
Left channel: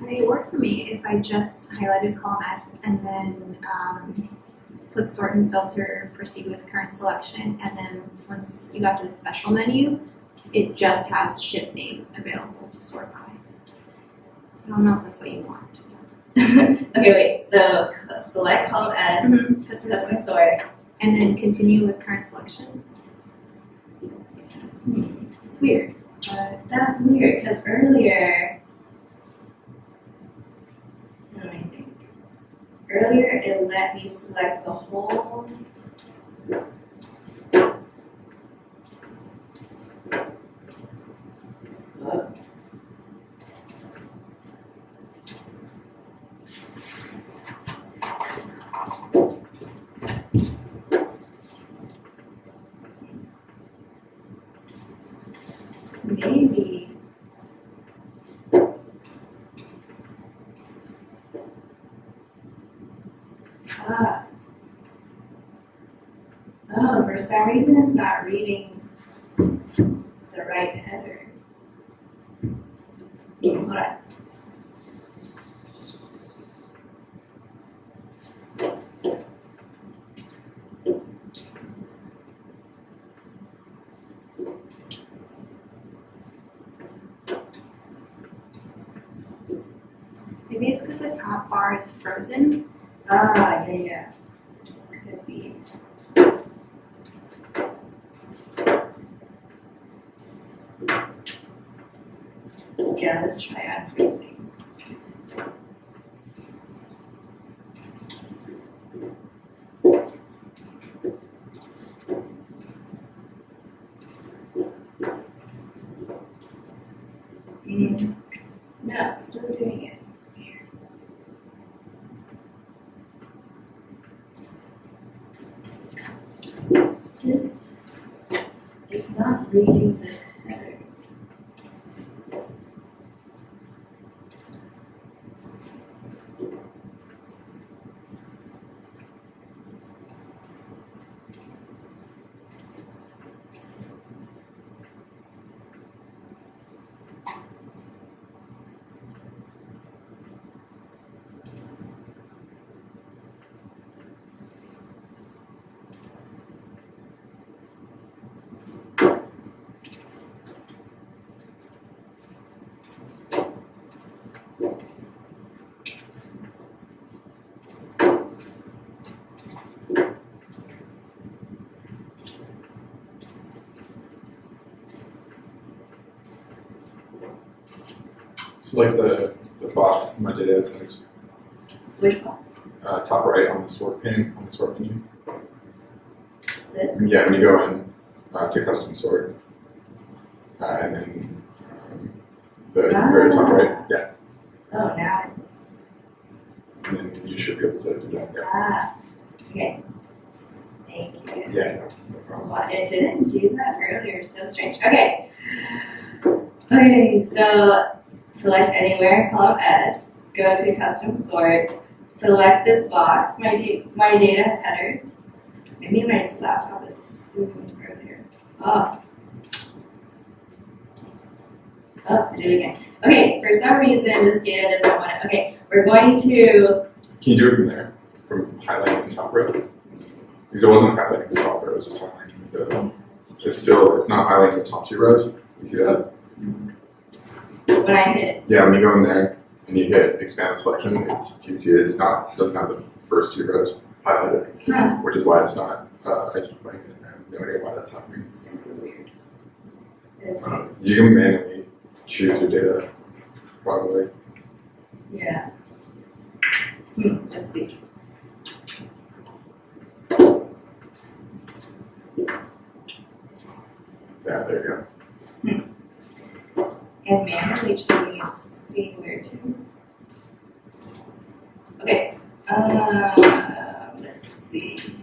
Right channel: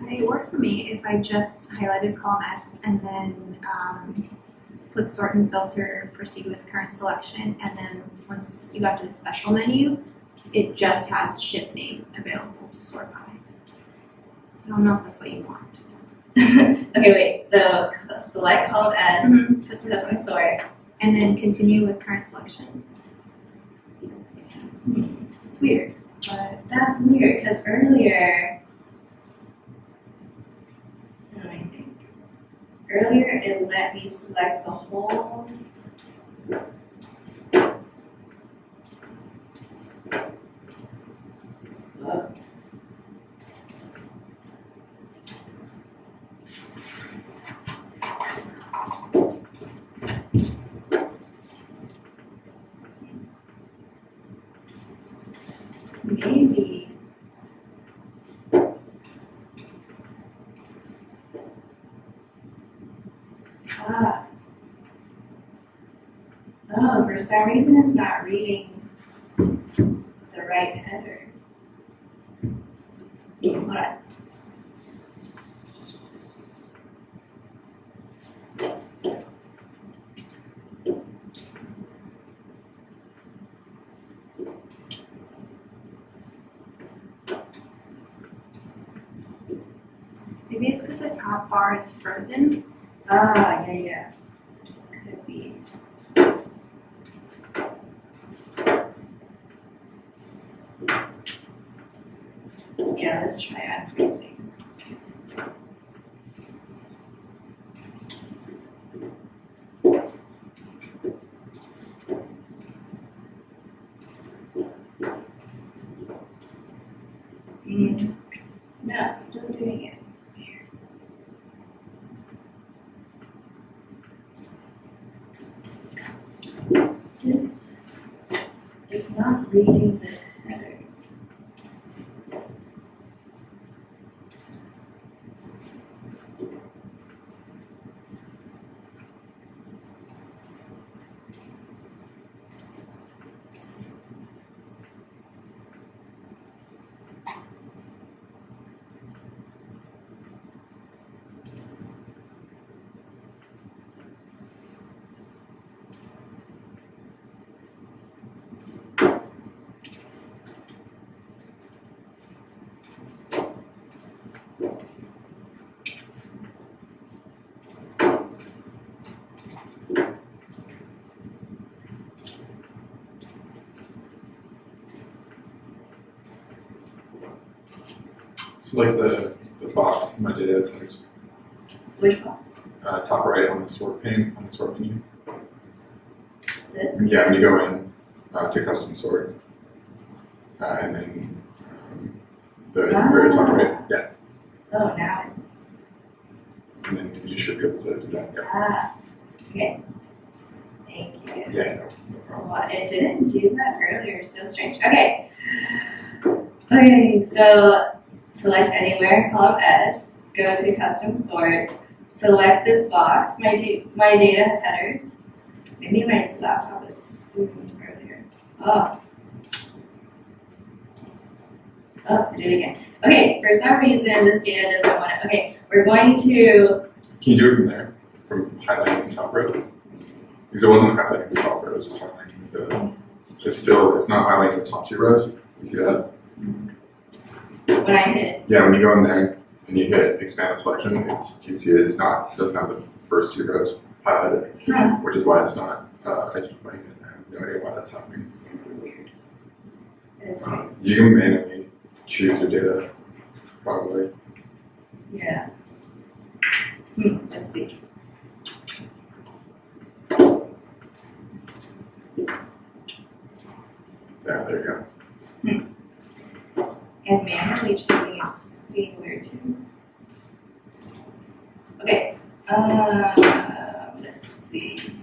Would it work for me if I just highlighted column S and then click sort and filter, proceed with current selection, and then once you got to the special menu, it just has ship name available to sort by. I don't know if that's what you want. Okay, wait, so select column S, custom sort. And then continue with current selection. It's weird. But that's weird, because earlier, what do I think? Earlier it let me select the whole. Oh. Maybe. Ah. Oh, for some reason it's not reading the right header. Hold on. Maybe it's because the top bar is frozen. Ah, yeah. Could be. Yeah, let's try unfreezing. No, still doing it. This is not reading this header. Select the box, my data settings. Which box? Top right on the sort pane, on the sort menu. This? Yeah, when you go in to custom sort, and then the very top right, yeah. Oh, now. And then you should be able to do that, yeah. Ah, okay. Thank you. Yeah, no problem. Well, it didn't do that earlier, so strange. Okay. Okay, so select anywhere, column S, go to custom sort, select this box. My data has headers. Maybe my laptop is moving earlier. Oh. Oh, I did it again. Okay, for some reason this data doesn't want it. Okay, we're going to. Can you do it from there? From highlighting the top row? Because it wasn't highlighting the top row, it was just highlighting the. It's not highlighting the top two rows. You see that? When I hit. Yeah, when you go in there and you hit expand the selection, you see it doesn't have the first two rows highlighted, Huh. which is why it's not identifying it. no idea why that's happening. It's really weird. It is weird. You can manually choose your data, probably. Yeah. Let's see. Yeah, there you go. And manually choosing is being weird too. Okay. Let's see.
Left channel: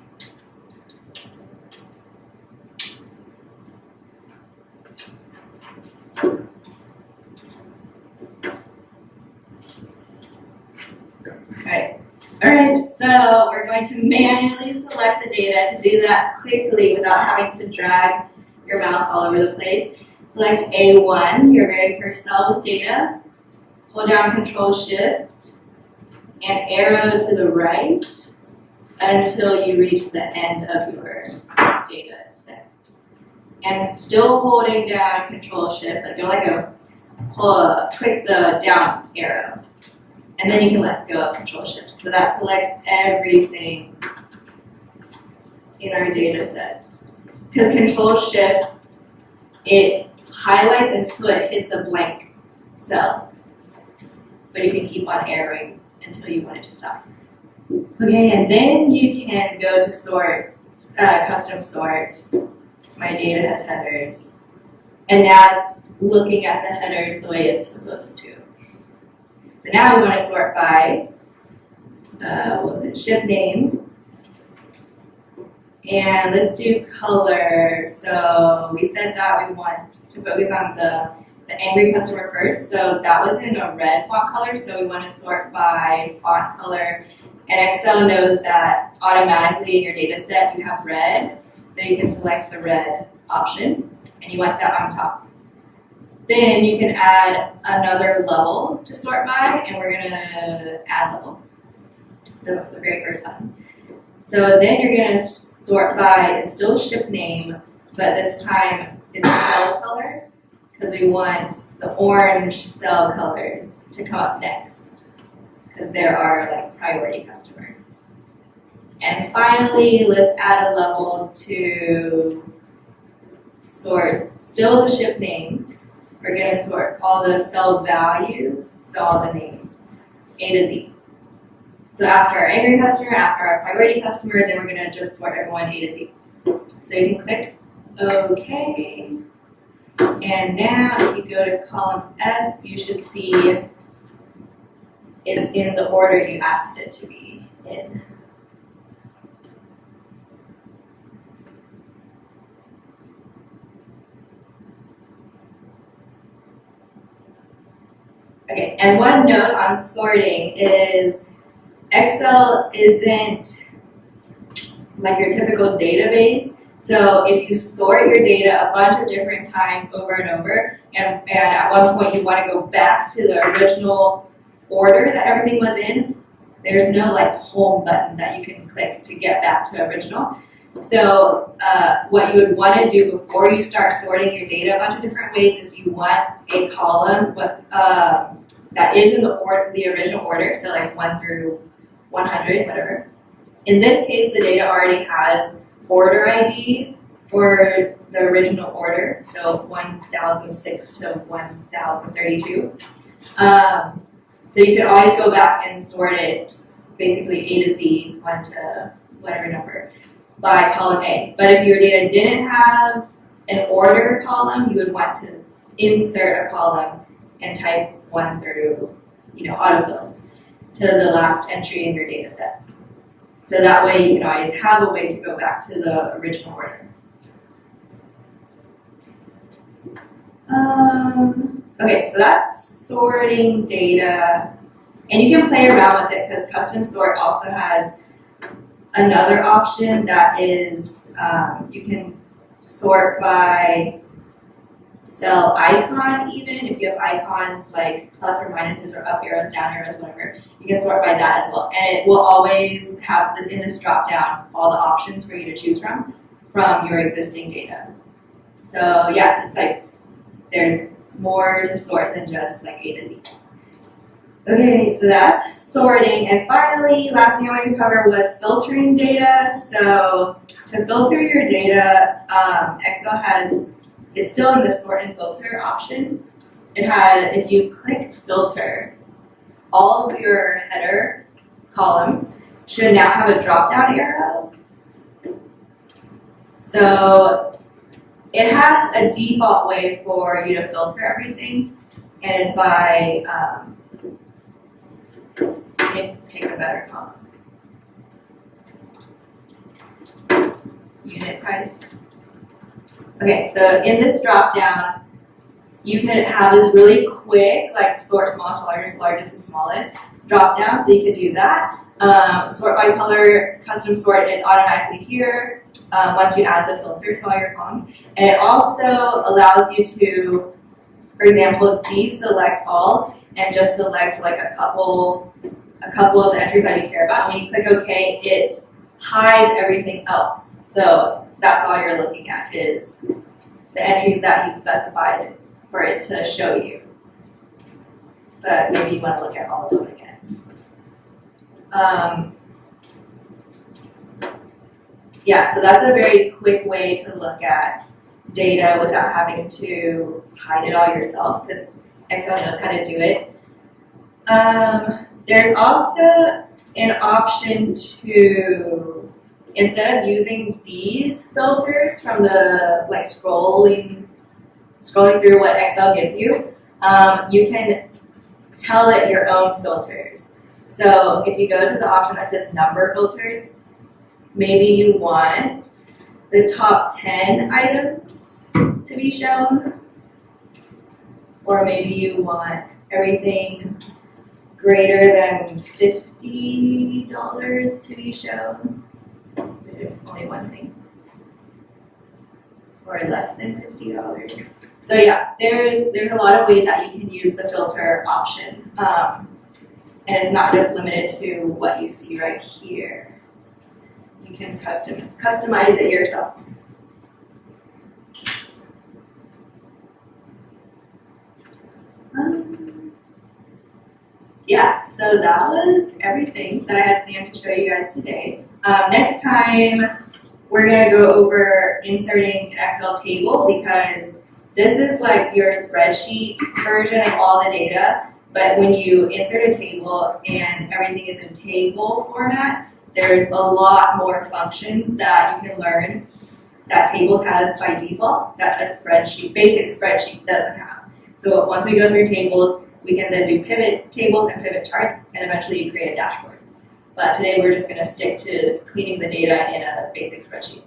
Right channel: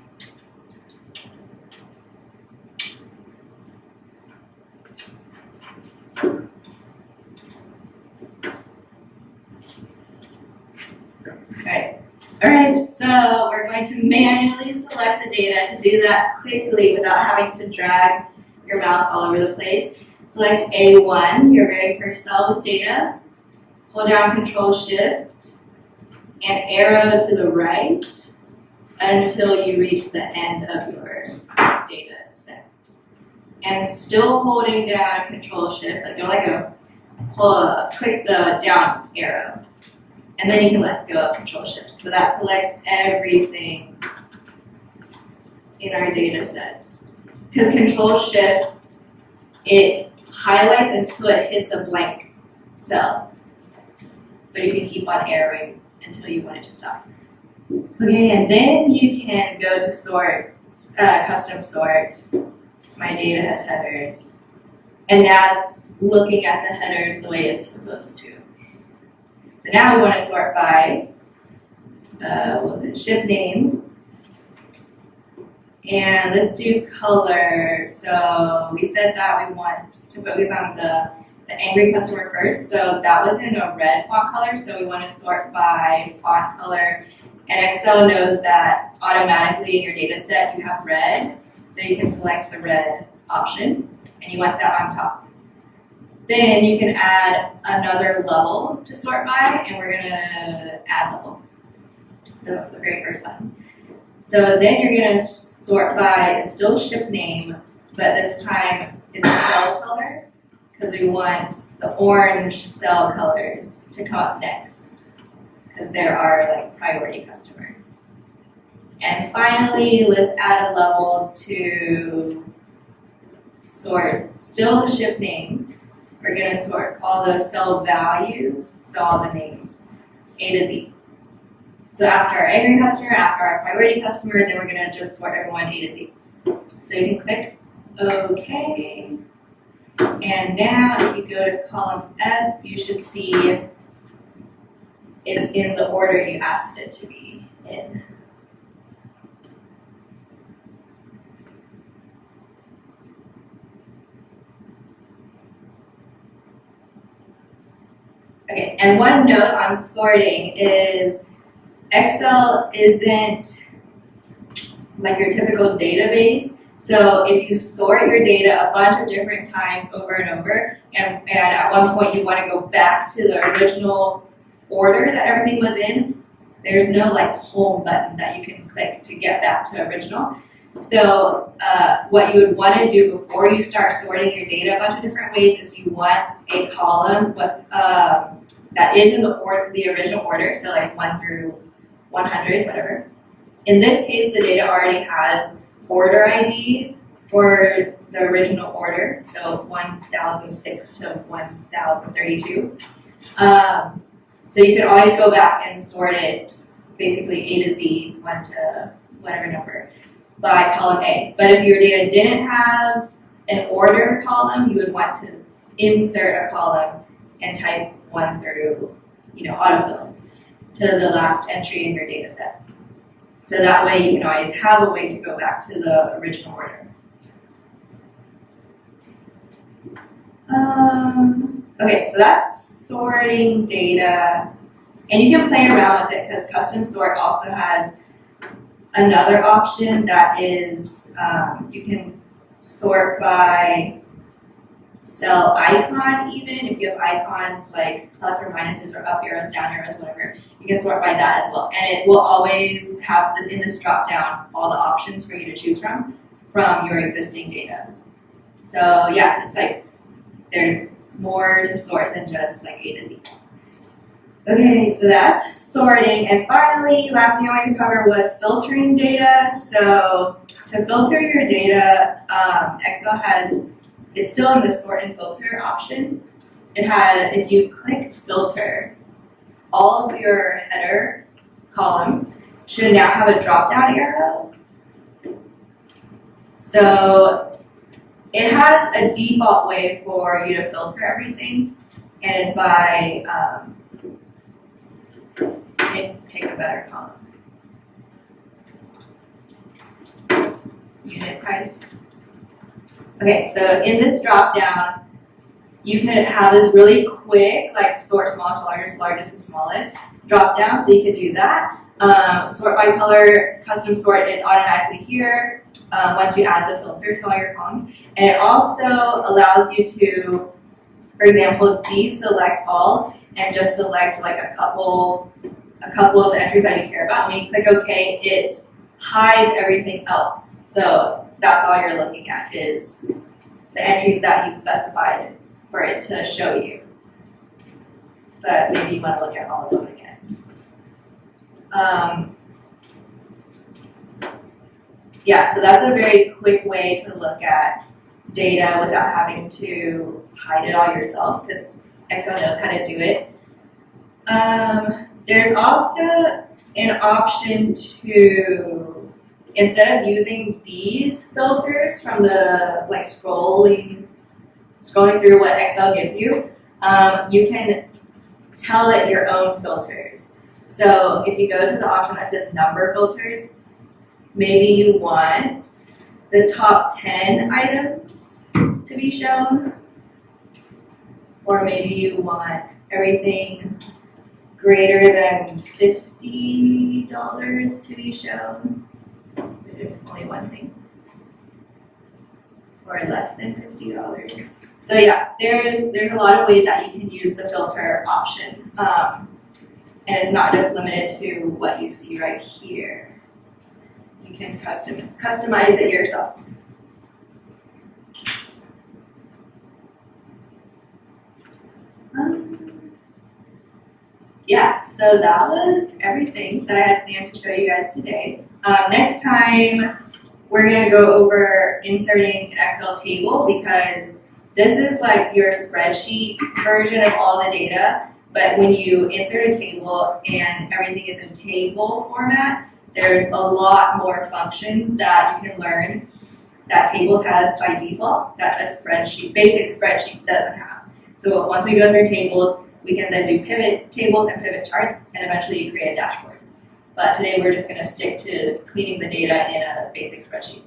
Alright, so we're going to manually select the data. To do that quickly without having to drag your mouse all over the place, select A1, your very first cell with data, hold down Control-Shift, and arrow to the right until you reach the end of your data set. And still holding down Control-Shift, like don't let go, click the down arrow. And then you can let go of Control-Shift. So that selects everything in our data set. Because Control-Shift, it highlights until it hits a blank cell. But you can keep on arrowing until you want it to stop. Okay, and then you can go to sort, custom sort. My data has headers. And now it's looking at the headers the way it's supposed to. So now we want to sort by shift name. And let's do color. So we said that we want to focus on the angry customer first. So that was in a red font color. So we want to sort by font color. And Excel knows that automatically in your data set you have red. So you can select the red option. And you want that on top. Then you can add another level to sort by, and we're going to add level, the very first button. So then you're going to sort by, it's still ship name, but this time it's cell color, because we want the orange cell colors to come up next, because there are like priority customer. And finally, let's add a level to sort, still the ship name. We're going to sort all the cell values, so all the names, A to Z. So after our angry customer, after our priority customer, then we're going to just sort everyone A to Z. So you can click OK. And now if you go to column S, you should see it's in the order you asked it to be in. Okay, and one note on sorting is Excel isn't like your typical database. So if you sort your data a bunch of different times over and over, and at one point you want to go back to the original order that everything was in, there's no like home button that you can click to get back to original. So what you would want to do before you start sorting your data a bunch of different ways is you want a column with, that is in the original order, so like 1 through 100, whatever. In this case, the data already has order ID for the original order, so 1006 to 1032. So you could always go back and sort it basically A to Z, 1 to whatever number, by column A. But if your data didn't have an order column, you would want to insert a column and type 1 through, autofill to the last entry in your data set. So that way you can always have a way to go back to the original order. Okay, so that's sorting data. And you can play around with it because custom sort also has another option that is you can sort by cell icon even. If you have icons like plus or minuses or up arrows, down arrows, whatever, you can sort by that as well. And it will always have, in this drop down, all the options for you to choose from your existing data. So yeah, it's like there's more to sort than just like A to Z. Okay, so that's sorting. And finally, last thing I wanted to cover was filtering data. So to filter your data, Excel has, it's still in the sort and filter option. It had, if you click filter, all of your header columns should now have a drop-down arrow. So it has a default way for you to filter everything, and it's by, let me pick a better column. Unit price. Okay, so in this drop-down, you can have this really quick, like sort smallest to largest, largest to smallest drop-down, so you could do that. Sort by color, custom sort is automatically here once you add the filter to all your columns. And it also allows you to, for example, deselect all and just select like a couple of the entries that you care about. When you click OK, it hides everything else. So that's all you're looking at is the entries that you specified for it to show you. But maybe you want to look at all of them again. Yeah, so that's a very quick way to look at data without having to hide it all yourself, because Excel knows how to do it. There's also an option to, instead of using these filters from the like scrolling through what Excel gives you, you can tell it your own filters. So if you go to the option that says number filters, maybe you want the top 10 items to be shown, or maybe you want everything greater than $50 to be shown. There's only one thing. Or less than $50. So yeah, there's a lot of ways that you can use the filter option. And it's not just limited to what you see right here. You can customize it yourself. Yeah, so that was everything that I had planned to show you guys today. Next time, we're going to go over inserting an Excel table, because this is like your spreadsheet version of all the data. But when you insert a table and everything is in table format, there's a lot more functions that you can learn that tables has by default that a basic spreadsheet doesn't have. So once we go through tables, we can then do pivot tables and pivot charts, and eventually you create a dashboard. But today we're just going to stick to cleaning the data in a basic spreadsheet.